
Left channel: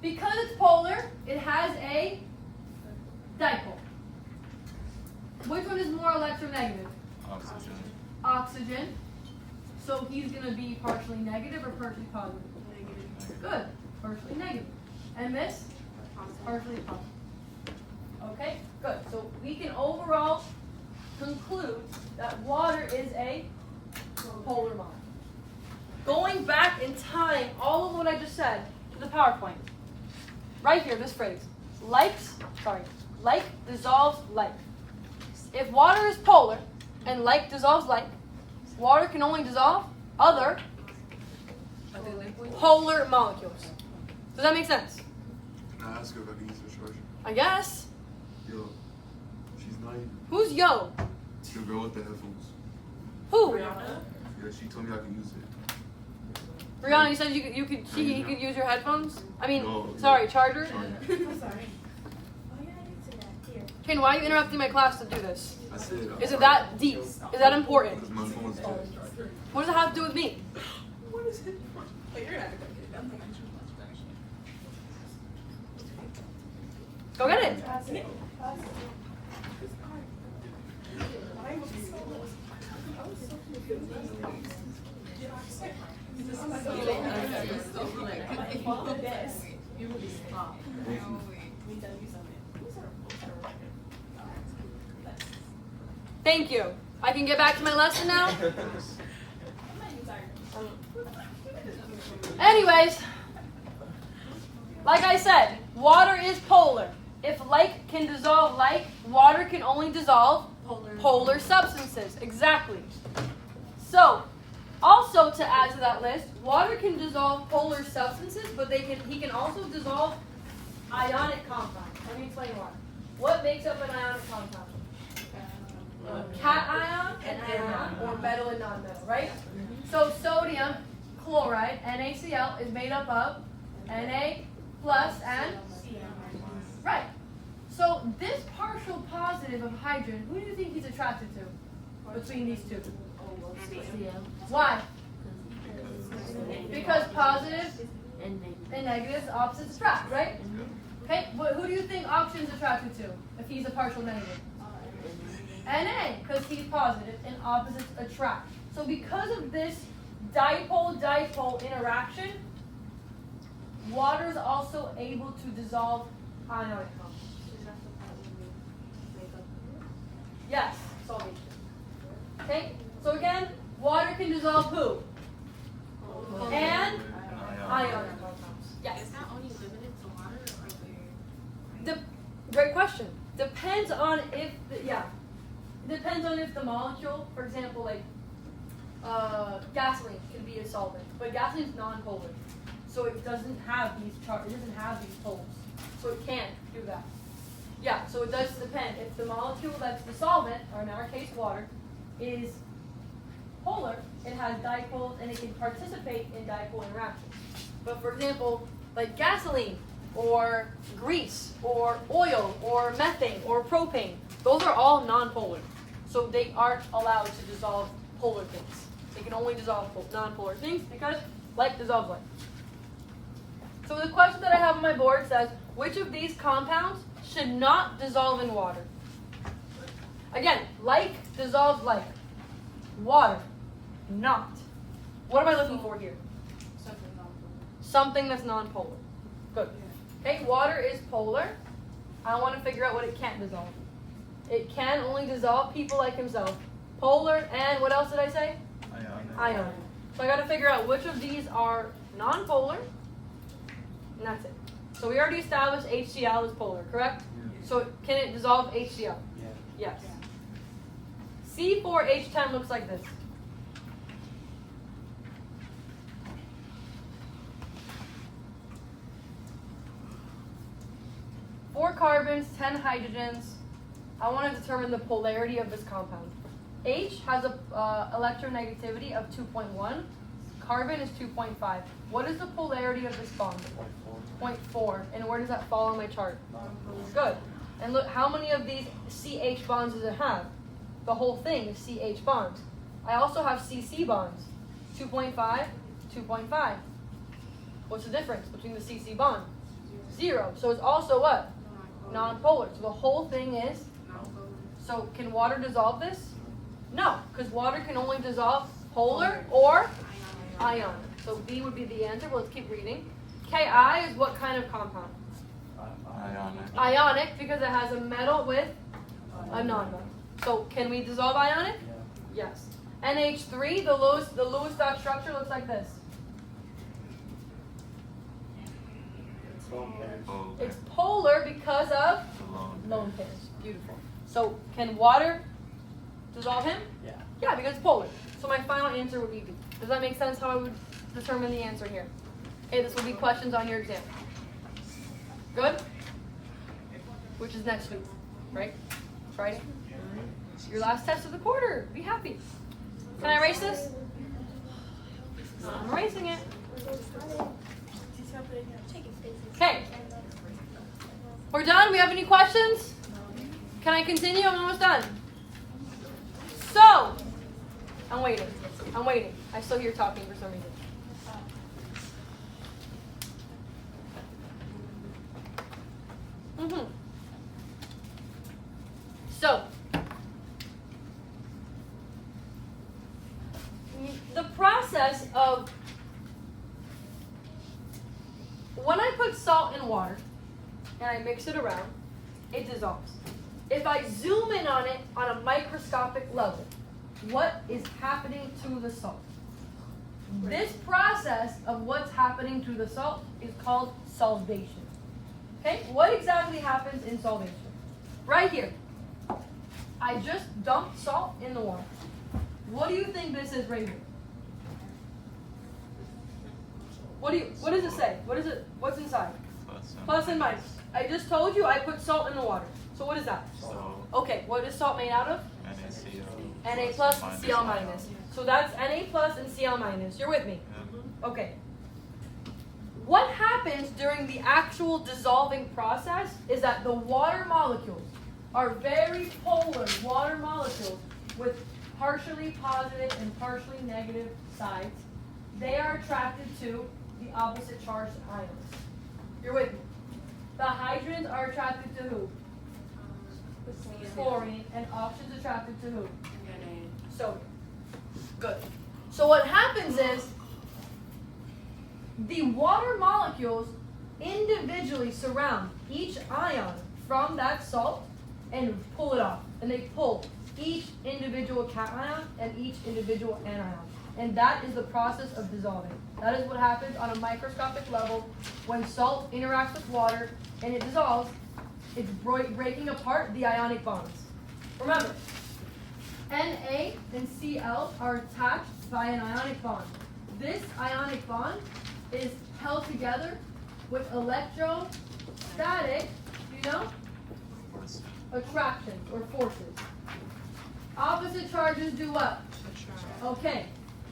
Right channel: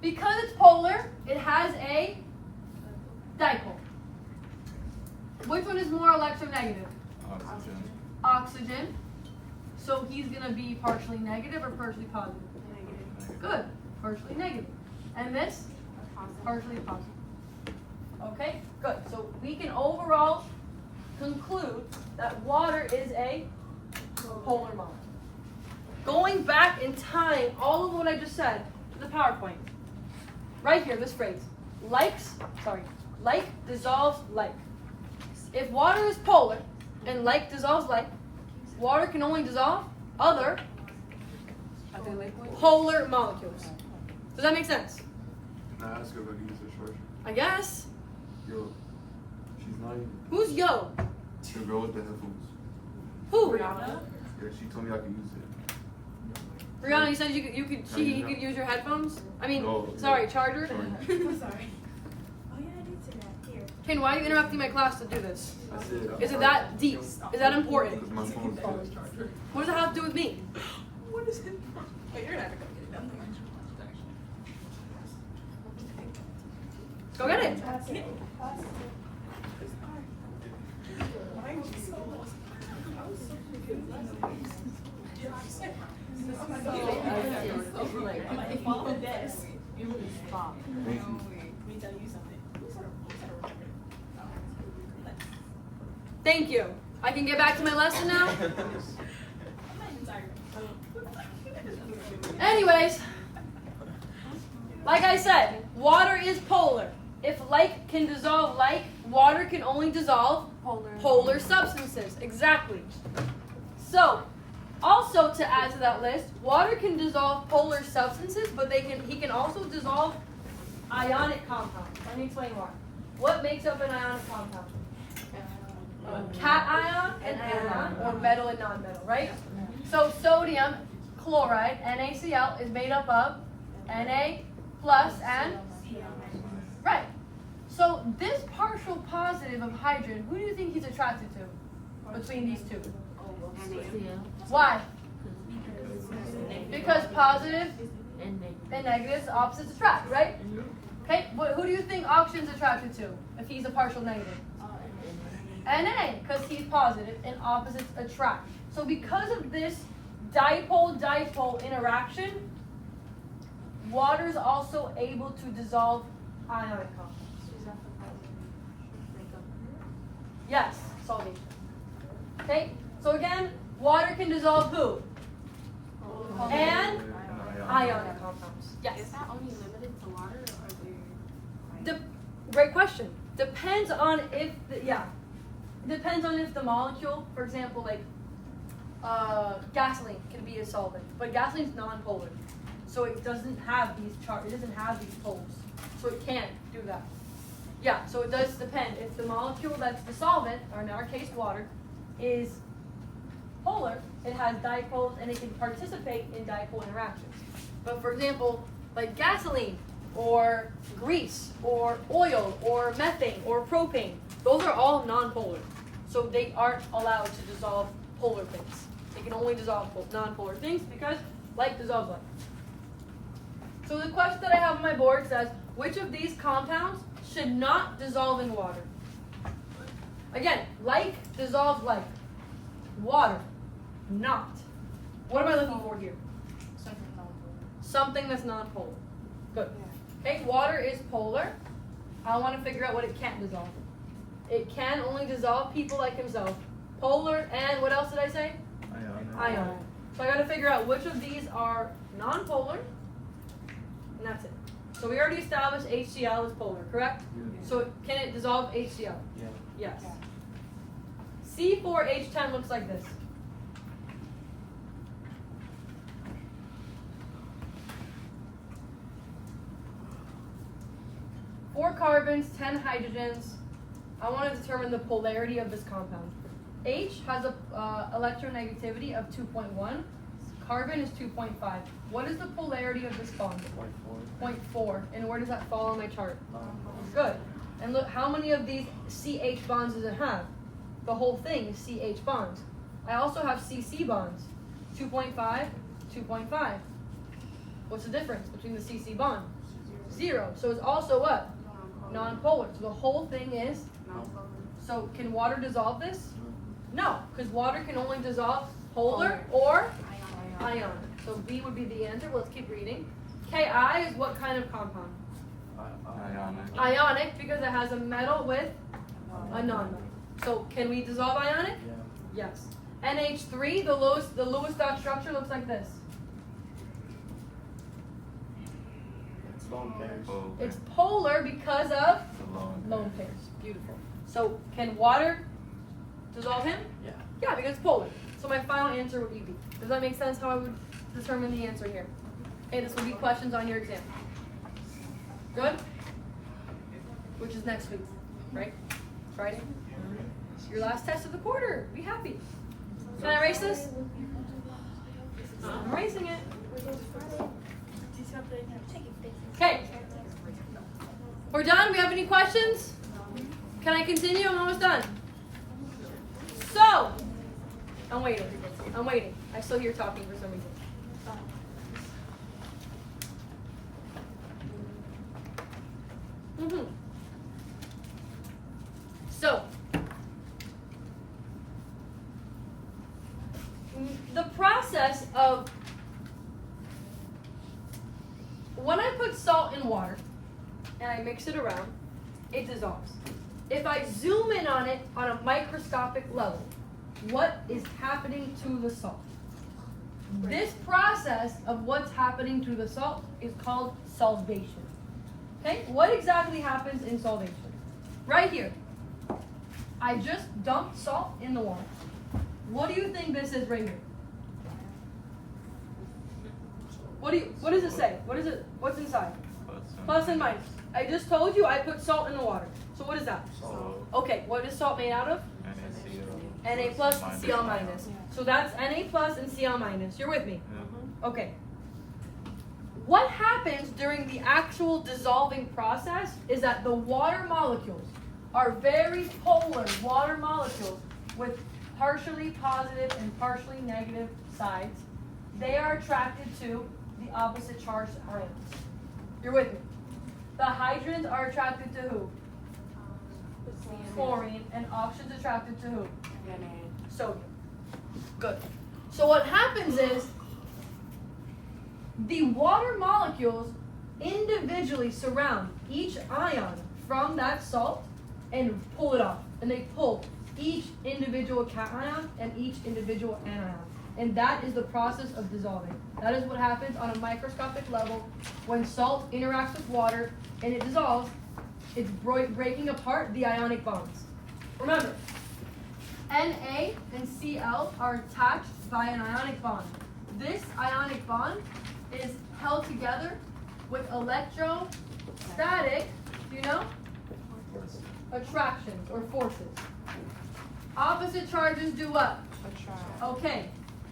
because it's polar, it has a dipole. Which one is more electronegative? Oxygen. Oxygen. So he's going to be partially negative or partially positive? Negative. Good. Partially negative. And this? Partially positive. Okay, good. So we can overall concludes that water is a polar molecule. Going back in time, all of what I just said to the PowerPoint. Right here, this phrase. Like dissolves like. If water is polar and like dissolves like, water can only dissolve other polar molecules. Does that make sense? Can I ask her if I can use her short? I guess. Yo, she's not even. Who's yo? The girl with the headphones. Who? Yeah, she told me I could use it. Brianna, you said you could he could use your headphones? I mean, No, sorry, yeah. charger? Sorry. Ken, why are you interrupting my class to do this? I said. Is it that deep? Is that important? Because my phone is dead. What does it have to do with me? What is it? Wait, you're not gonna get it done. Go get it. Thank you. I can get back to my lesson now? Anyways, like I said, water is polar. If like can dissolve like, water can only dissolve polar substances. Exactly. So, also to add to that list, water can dissolve polar substances, but he can also dissolve ionic compounds. Let me explain why. What makes up an ionic compound? Cation and anion, or metal and non-metal, right? So sodium chloride, NaCl, is made up of Na plus and right. So this partial positive of hydrogen, who do you think he's attracted to between these two? Why? Because positive and negatives, opposites attract, right? Okay, but who do you think oxygen's attracted to if he's a partial negative? Na, because he's positive and opposites attract. So because of this dipole-dipole interaction, water is also able to dissolve ionic compounds. Yes, solvation. Okay, so again, water can dissolve who? And ionic compounds. Yes. Is that only limited to water or Great question. Depends on if depends on if the molecule, for example, like gasoline can be a solvent, but gasoline is non-polar, so it doesn't have these poles, so it can't do that. Yeah, so it does depend. If the molecule that's the solvent, or in our case water, is polar, it has dipoles and it can participate in dipole interactions. But for example, like gasoline, or grease, or oil, or methane, or propane, those are all non-polar. So they aren't allowed to dissolve polar things. They can only dissolve non-polar things because like dissolves like. So the question that I have on my board says, which of these compounds should not dissolve in water? Again, like dissolves like. Water, not. What am I looking for here? Something that's non-polar. Good. Okay, water is polar. I want to figure out what it can't dissolve. It can only dissolve people like himself. Polar and what else did I say? Ionic. So I got to figure out which of these are non-polar, and that's it. So we already established HCl is polar, correct? Yeah. So can it dissolve HCl? Yeah. Yes. C4H10 looks like this. Four carbons, 10 hydrogens. I want to determine the polarity of this compound. H has a electronegativity of 2.1. Carbon is 2.5. What is the polarity of this bond? 0.4. And where does that fall on my chart? Good. And look, how many of these CH bonds does it have? The whole thing is CH bonds. I also have CC bonds. 2.5, 2.5. What's the difference between the CC bond? 0. So it's also what? Non-polar. So the whole thing is, so can water dissolve this? No, because water can only dissolve polar or ionic. So B would be the answer, but let's keep reading. Ki is what kind of compound? Ionic. Ionic, because it has a metal with a non-metal. So can we dissolve ionic? Yes. NH3, the Lewis dot structure looks like this. Oh, It's polar because of the lone. lone pairs. Beautiful. So can water dissolve him? Yeah. Yeah, because it's polar. So my final answer would be B. Does that make sense how I would determine the answer here? Okay, this will be questions on your exam. Good? Which is next week, right? Friday? Your last test of the quarter. Be happy. Can I erase this? I'm erasing it. Okay. We're done? We have any questions? Can I continue? I'm almost done. So, I'm waiting. I'm waiting. I still hear talking for some reason. So, the process of when I put salt in water and I mix it around, it dissolves. If I zoom in on it on a microscopic level, what is happening to the salt? This process of what's happening to the salt is called solvation. Okay, what exactly happens in solvation? Right here, I just dumped salt in the water. What do you think this is right here? What does it say? What's inside? Plus and minus. I just told you I put salt in the water. So what is that? So, Okay, what is salt made out of? NaCl. Na plus, Cl minus. So that's Na plus and Cl minus. You're with me? Yeah. Okay. What happens during the actual dissolving process is that the water molecules are very polar water molecules with partially positive and partially negative sides. They are attracted to the opposite charged ions. You're with me? The hydrogens are attracted to who? Chlorine. And oxygen's attracted to who? Sodium. Good. So what happens is the water molecules individually surround each ion from that salt and pull it off. And they pull each individual cation and each individual anion. And that is the process of dissolving. That is what happens on a microscopic level when salt interacts with water and it dissolves. It's breaking apart the ionic bonds. Remember, Na and Cl are attached by an ionic bond. This ionic bond is held together with electrostatic, do you know? Attractions or forces. Opposite charges do what? Okay,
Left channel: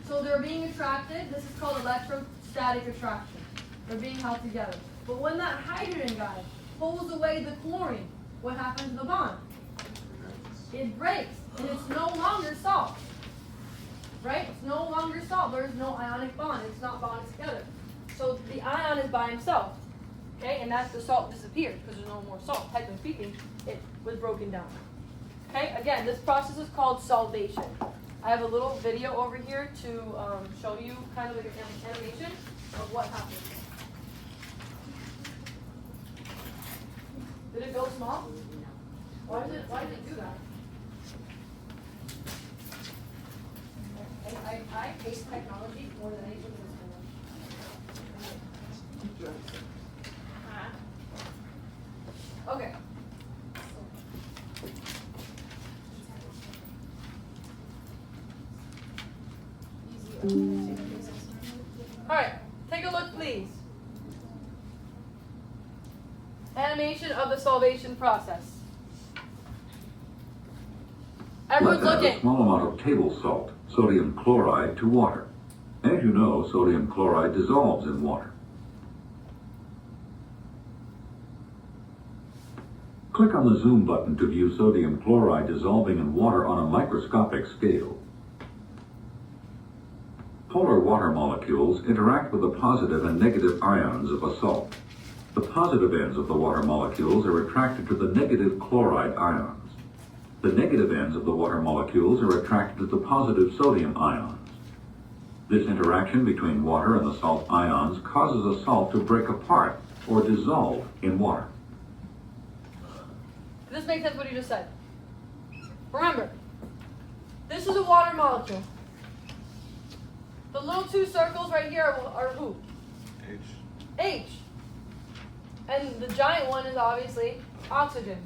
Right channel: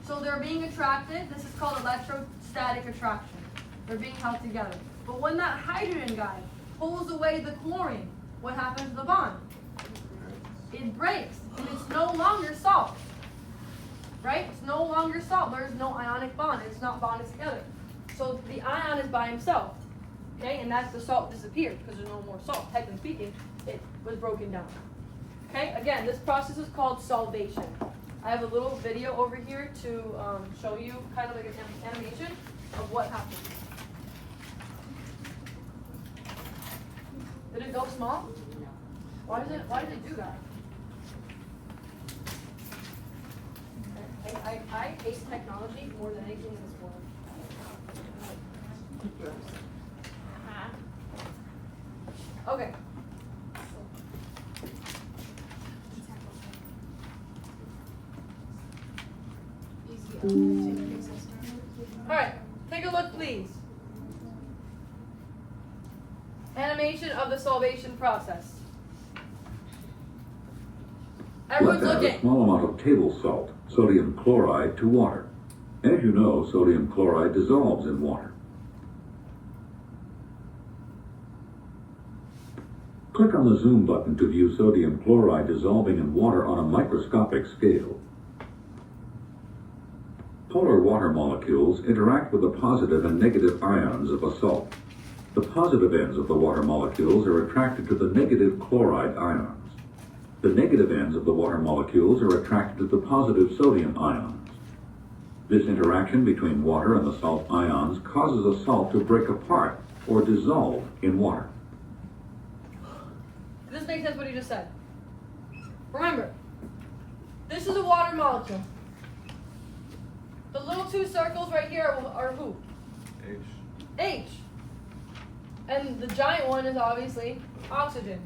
so they're being attracted. This is called electrostatic attraction. They're being held together. But when that hydrogen guy pulls away the chlorine, what happens to the bond? It breaks, and it's no longer salt. Right? It's no longer salt. There's no ionic bond. It's not bonded together. So the ion is by himself. Okay? And that's the salt disappeared because there's no more salt. Technically speaking, it was broken down. Okay? Again, this process is called solvation. I have a little video over here to show you kind of like an animation of what happens. Did it go small? Why did it do that? I hate technology more than anything in this world. Okay. All right, take a look, please. Animation of the solvation process. Everyone's Let's add a looking. small amount of table salt, sodium chloride, to water. As you know, sodium chloride dissolves in water. Click on the zoom button to view sodium chloride dissolving in water on a microscopic scale. Polar water molecules interact with the positive and negative ions of a salt. The positive ends of the water molecules are attracted to the negative chloride ions. The negative ends of the water molecules are attracted to the positive sodium ions. This interaction between water and the salt ions causes a salt to break apart or dissolve in water. Does this make sense what you just said? Remember, this is a water molecule. The little two circles right here are who? H. H. And the giant one is obviously oxygen.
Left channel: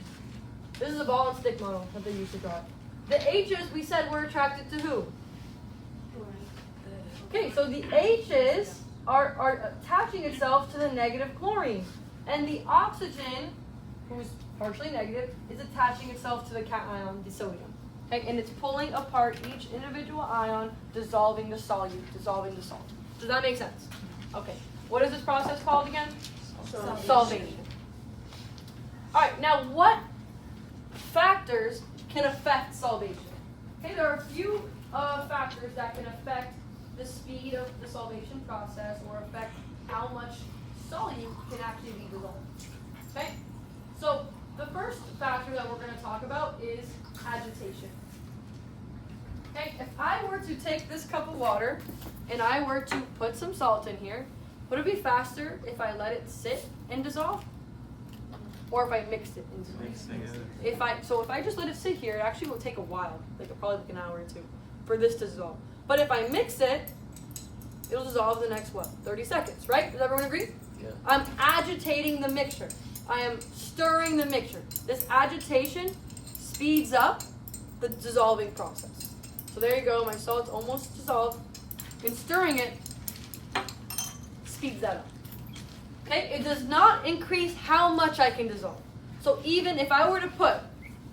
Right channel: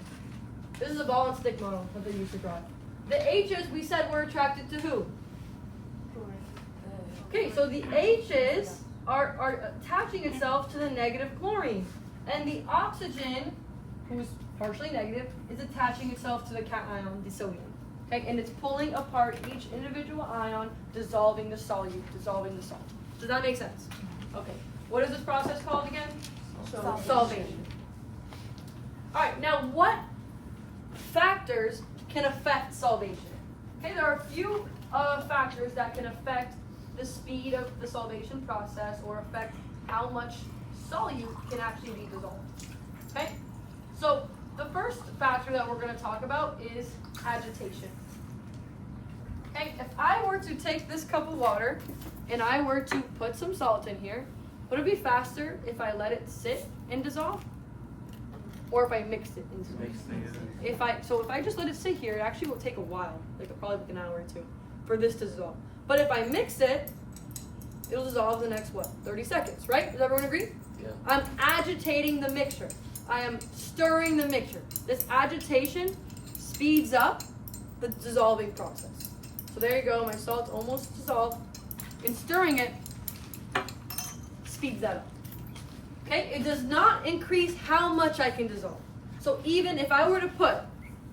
This is a ball and stick model that they used to draw it. The H's we said were attracted to who? Okay, so the H's are attaching itself to the negative chlorine. And the oxygen, who's partially negative, is attaching itself to the cation, the sodium. Okay, and it's pulling apart each individual ion, dissolving the solute, dissolving the salt. Does that make sense? Okay. What is this process called again? Solvation. Alright, now what factors can affect solvation? Okay, there are a few factors that can affect the speed of the solvation process or affect how much solute can actually be dissolved. Okay, so the first factor that we're going to talk about is agitation. Okay, if I were to take this cup of water and I were to put some salt in here, would it be faster if I let it sit and dissolve? Or if I mixed it and dissolve? If I just let it sit here, it actually will take a while, probably an hour or two, for this to dissolve. But if I mix it, it'll dissolve in the next, 30 seconds, right? Does everyone agree? Yeah. I'm agitating the mixture. I am stirring the mixture. This agitation speeds up the dissolving process. So there you go, my salt's almost dissolved. And stirring it speeds that up. Okay, it does not increase how much I can dissolve. So even if I were to put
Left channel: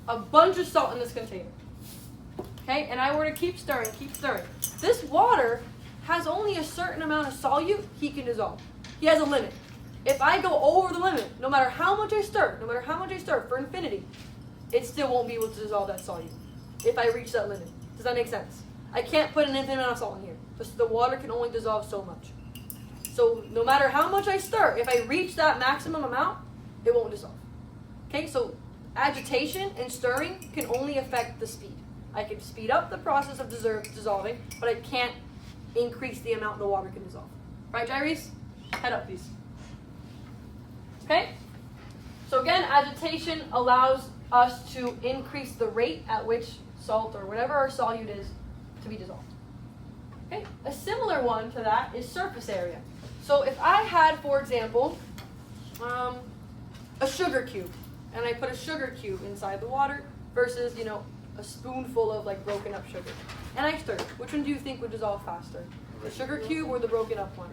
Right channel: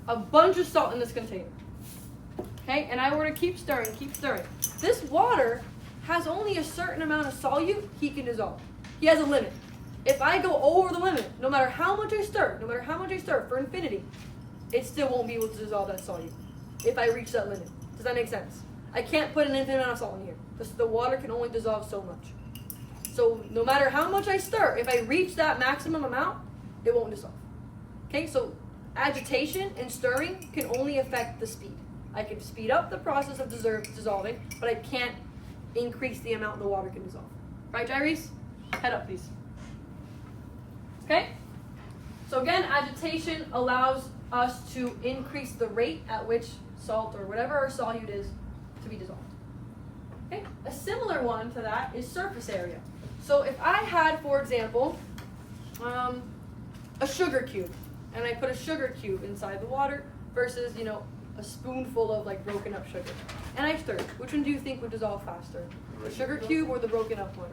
a bunch of salt in this container, okay, and I were to keep stirring, this water has only a certain amount of solute he can dissolve. He has a limit. If I go over the limit, no matter how much I stir, for infinity, it still won't be able to dissolve that solute if I reach that limit. Does that make sense? I can't put an infinite amount of salt in here. The water can only dissolve so much. So no matter how much I stir, if I reach that maximum amount, it won't dissolve. Okay, so agitation and stirring can only affect the speed. I can speed up the process of dissolving, but I can't increase the amount the water can dissolve. Right, Jairis? Head up, please. Okay? So again, agitation allows us to increase the rate at which salt or whatever our solute is to be dissolved. Okay? A similar one to that is surface area. So if I had, for example, a sugar cube, and I put a sugar cube inside the water versus, a spoonful of broken up sugar, and I stirred, which one do you think would dissolve faster? The sugar cube or the broken up one?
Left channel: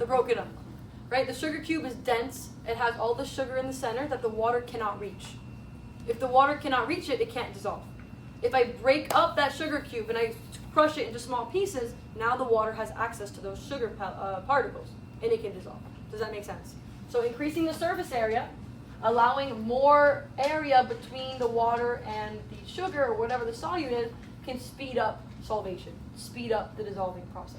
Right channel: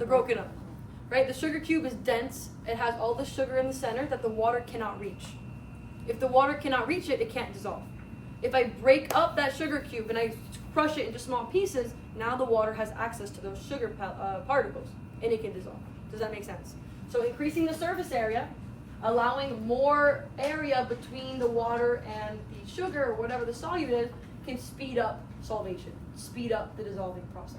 The broken up one. Right? The sugar cube is dense. It has all the sugar in the center that the water cannot reach. If the water cannot reach it, it can't dissolve. If I break up that sugar cube and I crush it into small pieces, now the water has access to those sugar particles and it can dissolve. Does that make sense? So increasing the surface area, allowing more area between the water and the sugar or whatever the solute is, can speed up solvation, speed up the dissolving process.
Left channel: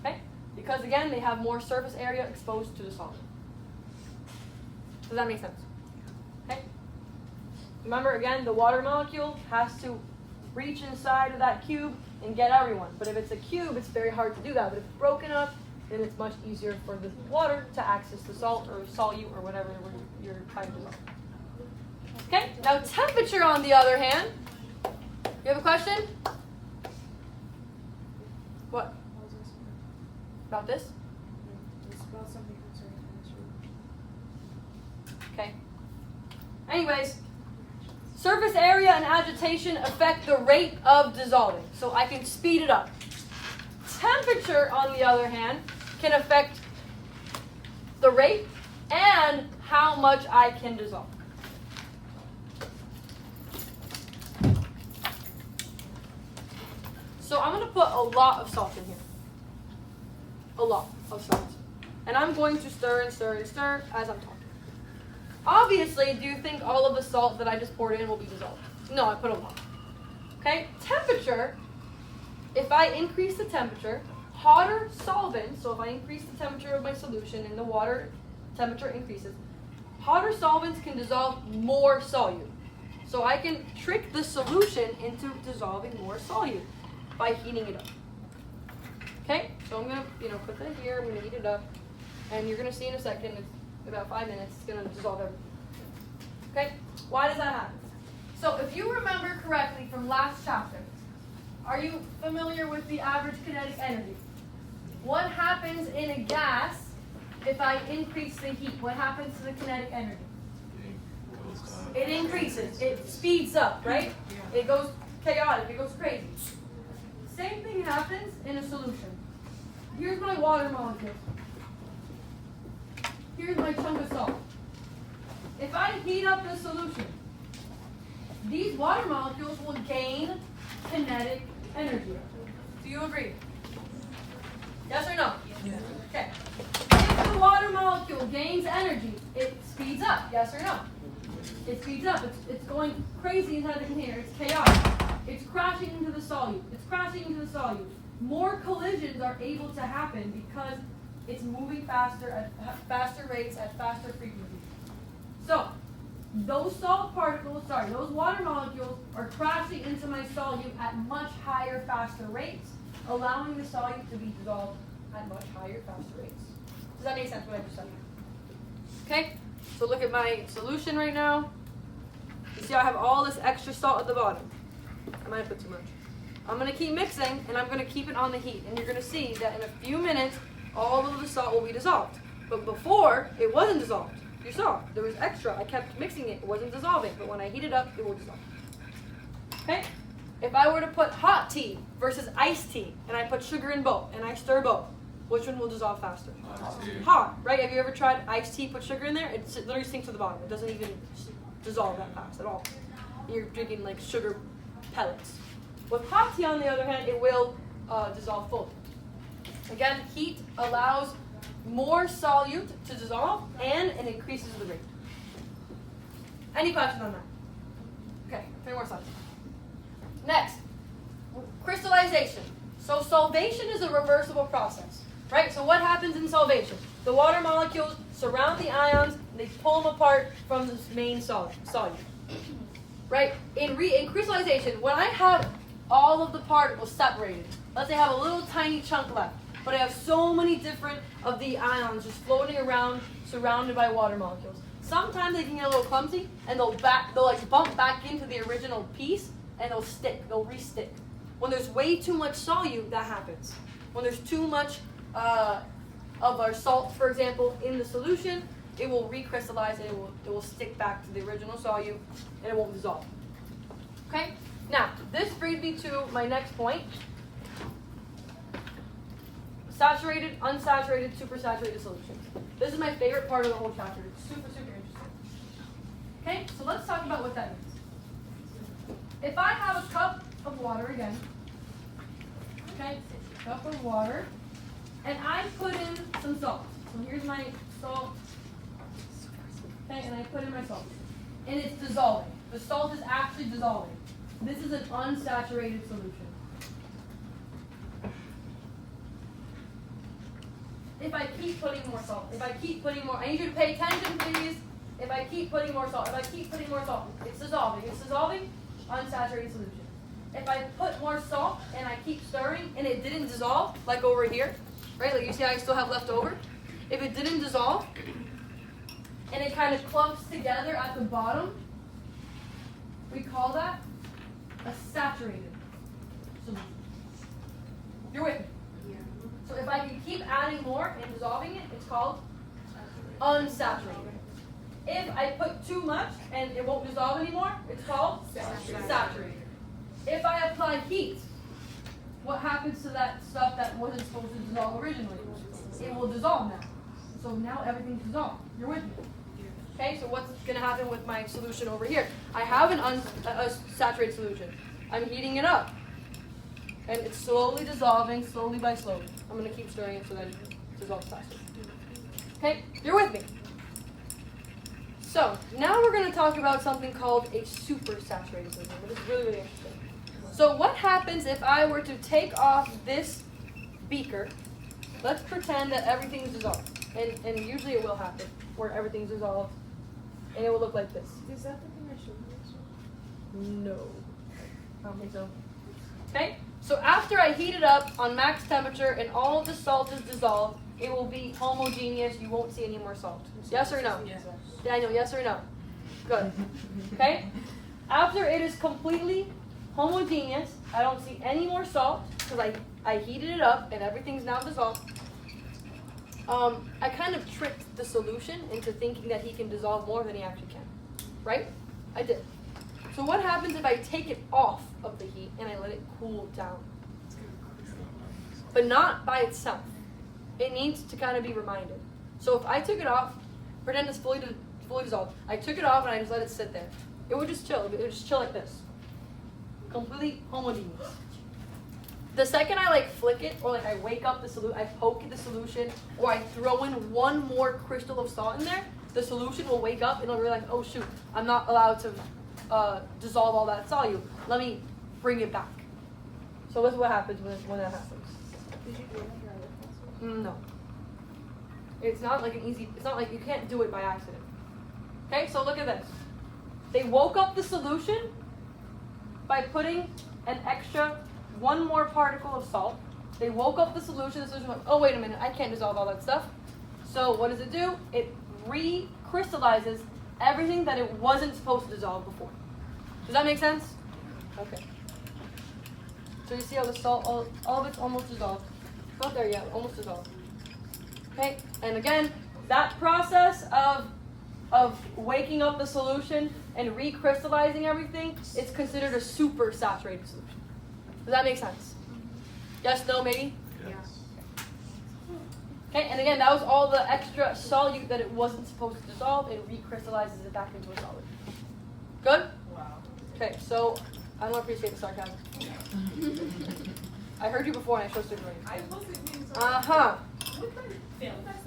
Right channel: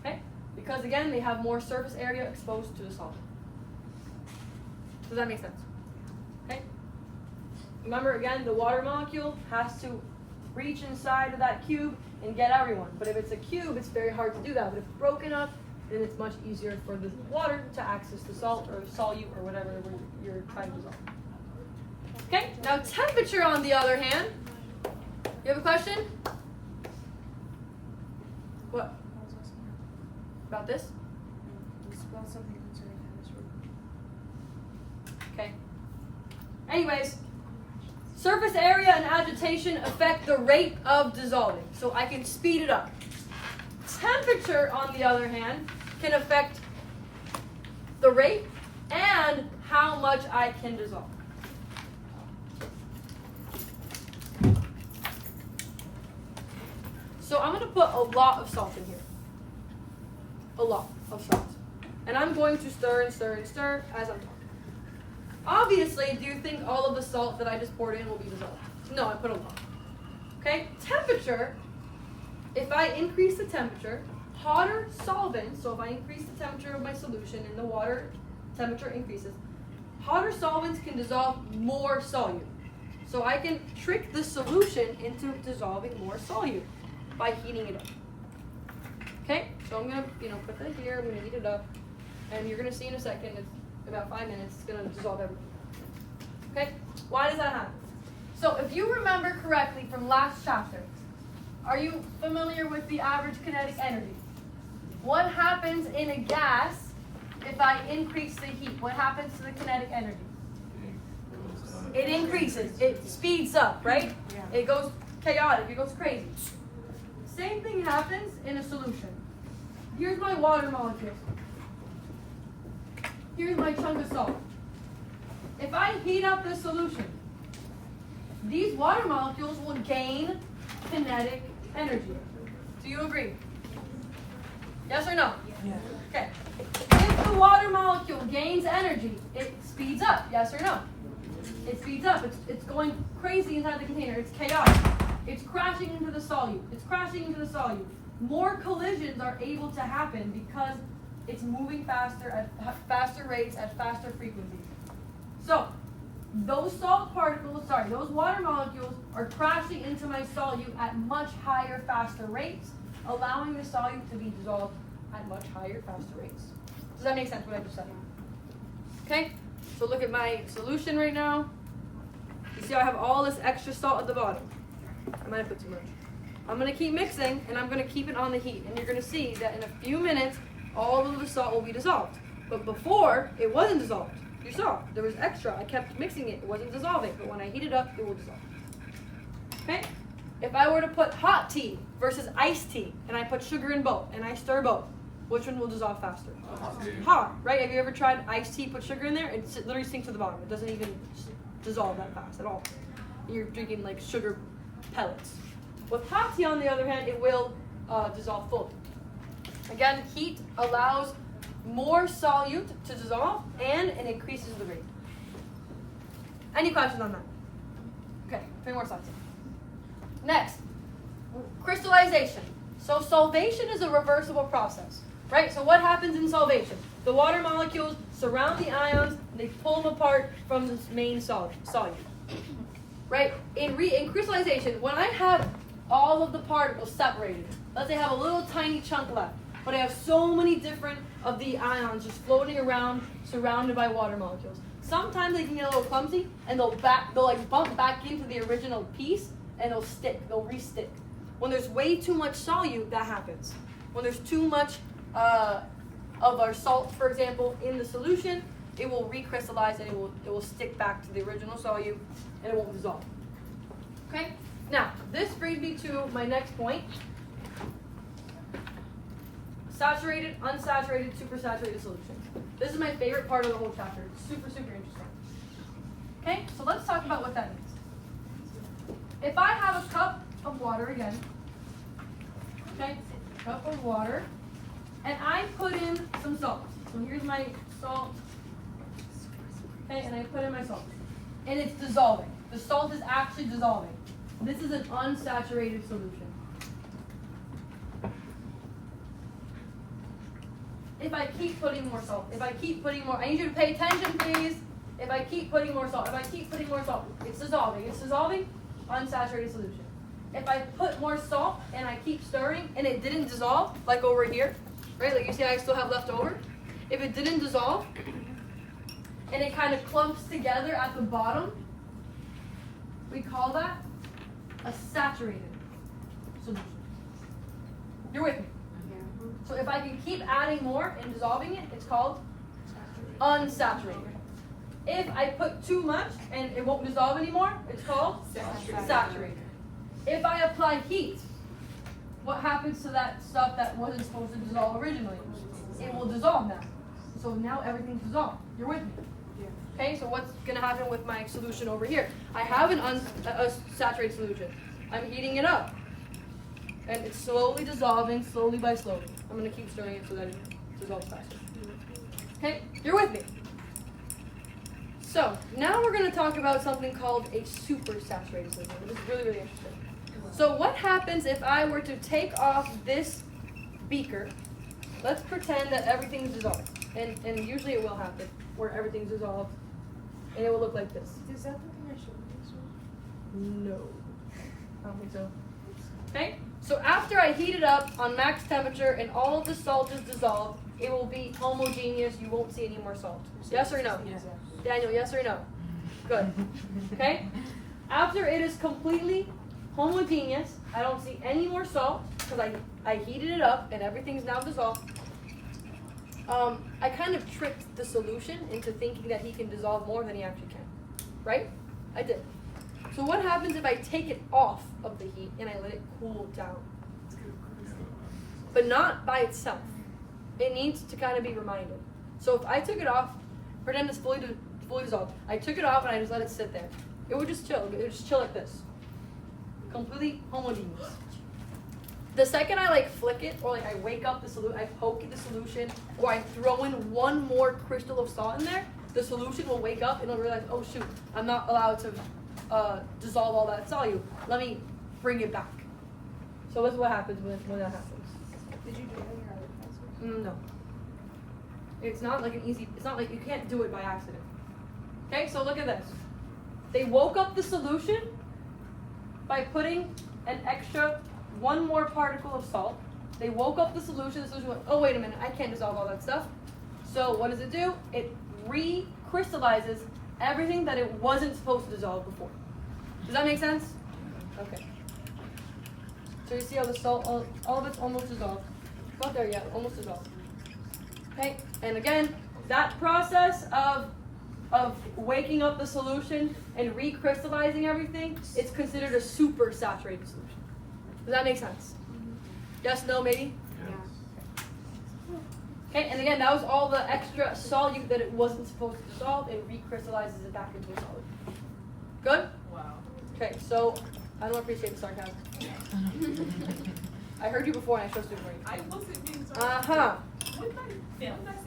Okay? Because again, they have more surface area exposed to the solid. Does that make sense? Okay? Remember again, the water molecule has to reach inside of that cube and get everyone. But if it's a cube, it's very hard to do that. But if it's broken up, then it's much easier for the water to access the salt or solute or whatever you're trying to dissolve. Okay? Now temperature on the other hand. You have a question? What? About this? Okay. Anyways, surface area and agitation affect the rate of dissolving. So I can speed it up. Temperature, on the other hand, can affect the rate and how much I can dissolve. So I'm going to put a lot of salt in here. A lot of salt. And I'm going to stir and stir and stir as I'm talking. Obviously, do you think all of the salt that I just poured in will be dissolved? No, I put a lot. Okay, temperature, if I increase the temperature, hotter solvents, so if I increase the temperature of my solution and the water temperature increases, hotter solvents can dissolve more solute. So I can trick the solution into dissolving more solute by heating it up. Okay, so I'm going to, click right here, I'm going to heat it up, and you're going to see in a second, it's about 5 minutes, it's going to dissolve everything. Okay, why does that happen? So if you remember correctly from last chapter, are you familiar with the average kinetic energy? What happens in a gas if I increase the heat? What happens to the kinetic energy? It increases. It speeds up, right? It goes chaotic. It goes crazy. Same thing happens in a solution. Here's my water molecule. Here's my chunk of salt. If I heat up the solution, these water molecules will gain kinetic energy. Do you agree? Yes or no? Yeah. Okay. If the water molecule gains energy, it speeds up. Yes or no? It speeds up. It's going crazy inside the container. It's chaotic. It's crashing into the solute. It's crashing into the solute. More collisions are able to happen because it's moving faster at faster rates at faster frequencies. So, those those water molecules are crashing into my solute at much higher, faster rates, allowing the solute to be dissolved at much higher, faster rates. Does that make sense what I just said? Okay, so look at my solution right now. You see I have all this extra salt at the bottom. I might have put too much. I'm going to keep mixing, and I'm going to keep it on the heat. And you're going to see that in a few minutes, all of the salt will be dissolved. But before, it wasn't dissolved. You saw, there was extra. I kept mixing it. It wasn't dissolving. But when I heat it up, it will dissolve. Okay? If I were to put hot tea versus iced tea, and I put sugar in both, and I stir both, which one will dissolve faster? Hot, right? Have you ever tried iced tea, put sugar in there? It literally sinks to the bottom. It doesn't even dissolve that fast at all. You're drinking like sugar pellets. With hot tea, on the other hand, it will dissolve fully. Again, heat allows more solute to dissolve, and it increases the rate. Any questions on that? Okay, 3 more slides. Next, crystallization. So solvation is a reversible process, right? So what happens in solvation? The water molecules surround the ions, and they pull them apart from the main solute, right? In crystallization, when I have all of the particles separated, let's say I have a little tiny chunk left, but I have so many different of the ions just floating around, surrounded by water molecules. Sometimes they can get a little clumsy, and they'll like bump back into the original piece, and they'll re-stick. When there's way too much solute, that happens. When there's too much of our salt, for example, in the solution, it will recrystallize and it will stick back to the original solute, and it won't dissolve. Okay? Now, this brings me to my next point. Saturated, unsaturated, supersaturated solutions. This is my favorite part of the whole chapter. It's super, super interesting. Okay, so let's talk about what that means. If I have a cup of water again, okay, cup of water, and I put in some salt. So here's my salt, okay, and I put in my salt. And it's dissolving. The salt is actually dissolving. This is an unsaturated solution. If I keep putting more salt, if I keep putting more, I need you to pay attention, please. If I keep putting more salt, it's dissolving, unsaturated solution. If I put more salt and I keep stirring and it didn't dissolve, like over here, right? Like you see I still have left over. If it didn't dissolve and it kind of clumps together at the bottom, we call that a saturated solution. You're with me? So if I can keep adding more and dissolving it, it's called unsaturated. If I put too much and it won't dissolve anymore, it's called saturated. If I apply heat, what happens to that stuff that wasn't supposed to dissolve originally? It will dissolve now. So now everything's dissolved. You're with me? Okay, so what's going to happen with my solution over here? I have a saturated solution. I'm heating it up. And it's slowly dissolving, slowly by slowly. I'm going to keep stirring it so that it dissolves faster. Okay, you're with me? So, now we're going to talk about something called a supersaturated solution. This is really, really interesting. So what happens if I were to take off this beaker? Let's pretend that everything's dissolved. And usually it will happen, where everything's dissolved. And it will look like this. Is that the commercial? No. I don't think so. Okay? So after I heat it up on max temperature and all of the salt is dissolved, it will be homogeneous. You won't see any more salt. Yes or no? Yes. Daniel, yes or no? Good. Okay? After it is completely homogeneous, I don't see any more salt because I heated it up and everything's now dissolved. I kind of tricked the solution into thinking that he can dissolve more than he actually can, right? I did. So what happens if I take it off of the heat and I let it cool down? But not by itself. It needs to kind of be reminded. So if I took it off, pretend it's fully dissolved. I took it off and I just let it sit there. It would just chill. It would just chill like this. Completely homogeneous. The second I like flick it, or like I wake up the solution, I poke the solution, or I throw in one more crystal of salt in there, the solution will wake up and it'll realize, oh shoot, I'm not allowed to dissolve all that solute. Let me bring it back. So this is what happens when that happens. Did you do it in your other No. It's not like an easy, it's not like you can't do it by accident. Okay, so look at this. They woke up the solution by putting an extra one more particle of salt. They woke up the solution went, oh wait a minute, I can't dissolve all that stuff. So what does it do? It recrystallizes everything that it wasn't supposed to dissolve before. Does that make sense? Okay. So you see how the salt, all of it's almost dissolved. Not there yet, almost dissolved. Okay, and again, that process of waking up the solution and recrystallizing everything, it's considered a super saturated solution. Does that make sense? Yes, no, maybe? Yes. Okay, and again, that was all the extra solute that it wasn't supposed to dissolve and recrystallizes it back into a solid. Good? Wow. Okay, so I don't appreciate the sarcasm. I heard you before and I supposed to agree. Uh-huh.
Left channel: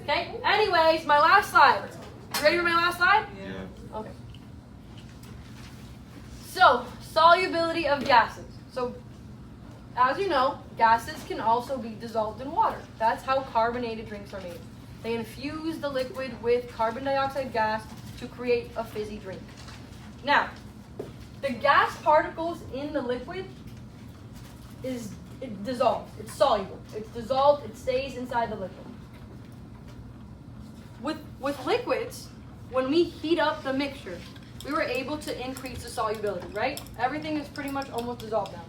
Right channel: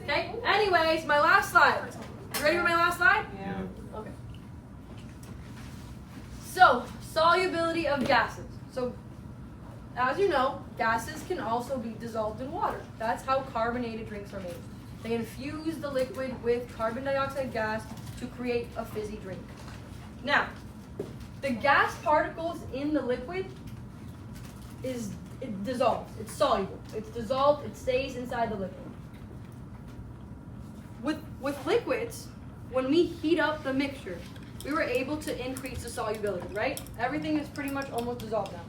Okay, anyways, my last slide. You ready for my last slide? Yeah. Okay. So, solubility of gases. So, as you know, gases can also be dissolved in water. That's how carbonated drinks are made. They infuse the liquid with carbon dioxide gas to create a fizzy drink. Now, the gas particles in the liquid is dissolved. It's soluble. It's dissolved. It stays inside the liquid. With liquids, when we heat up the mixture, we were able to increase the solubility, right? Everything is pretty much almost dissolved now.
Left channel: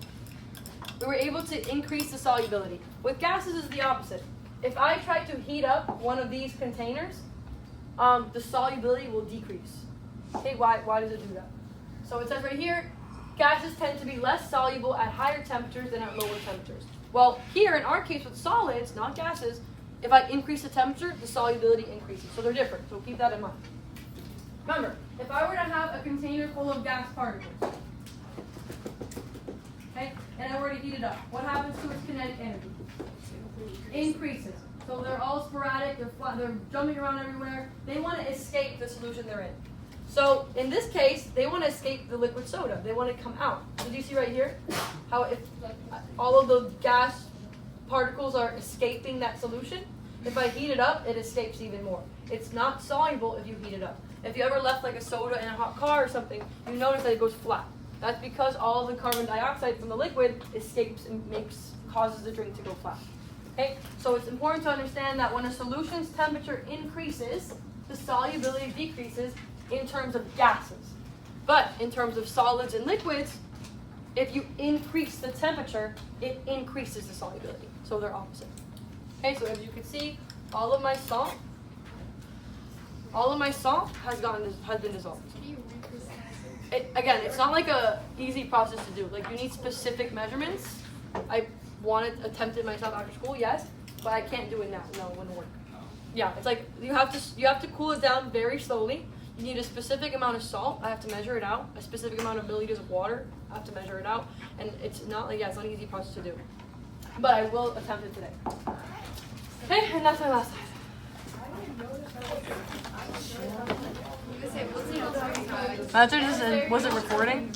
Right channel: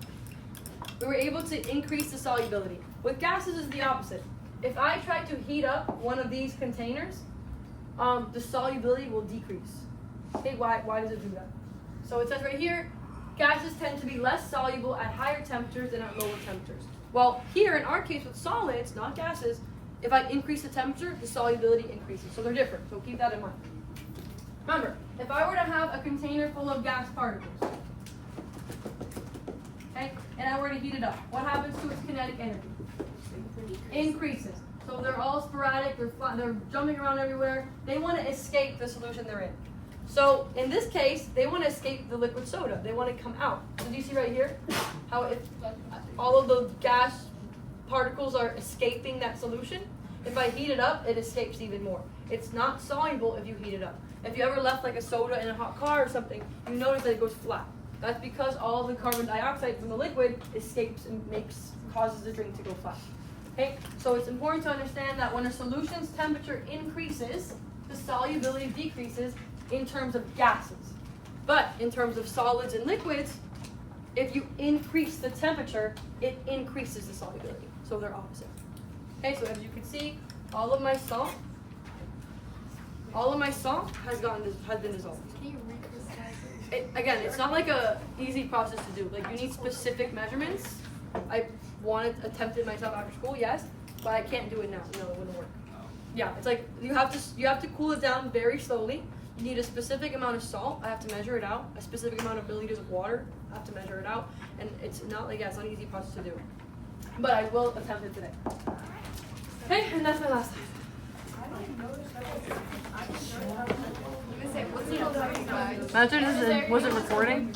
We were able to increase the solubility. With gases, it's the opposite. If I try to heat up one of these containers, the solubility will decrease. Okay, why does it do that? So it says right here, gases tend to be less soluble at higher temperatures than at lower temperatures. Well, here in our case with solids, not gases, if I increase the temperature, the solubility increases. So they're different, so keep that in mind. Remember, if I were to have a container full of gas particles, okay, and I were to heat it up, what happens to its kinetic energy? Increases. So they're all sporadic, they're jumping around everywhere. They want to escape the solution they're in. So in this case, they want to escape the liquid soda. They want to come out. So do you see right here how if all of the gas particles are escaping that solution? If I heat it up, it escapes even more. It's not soluble if you heat it up. If you ever left like a soda in a hot car or something, you notice that it goes flat. That's because all the carbon dioxide from the liquid escapes and causes the drink to go flat. Okay, so it's important to understand that when a solution's temperature increases, the solubility decreases in terms of gases. But in terms of solids and liquids, if you increase the temperature, it increases the solubility. So they're opposite. Okay, so as you can see, all of my salt has been dissolved. Again, it's not like a easy process to do. Like you need specific measurements. I attempted myself after school, yes, but I can't do it now. No, it wouldn't work. Yeah, it's like you have to cool it down very slowly. You need a specific amount of salt. I have to measure it out. A specific amount of milliliters of water. I have to measure it out. And it's not it's not an easy process to do. But I will attempt it today. Okay, and that's my last time. Was it recording?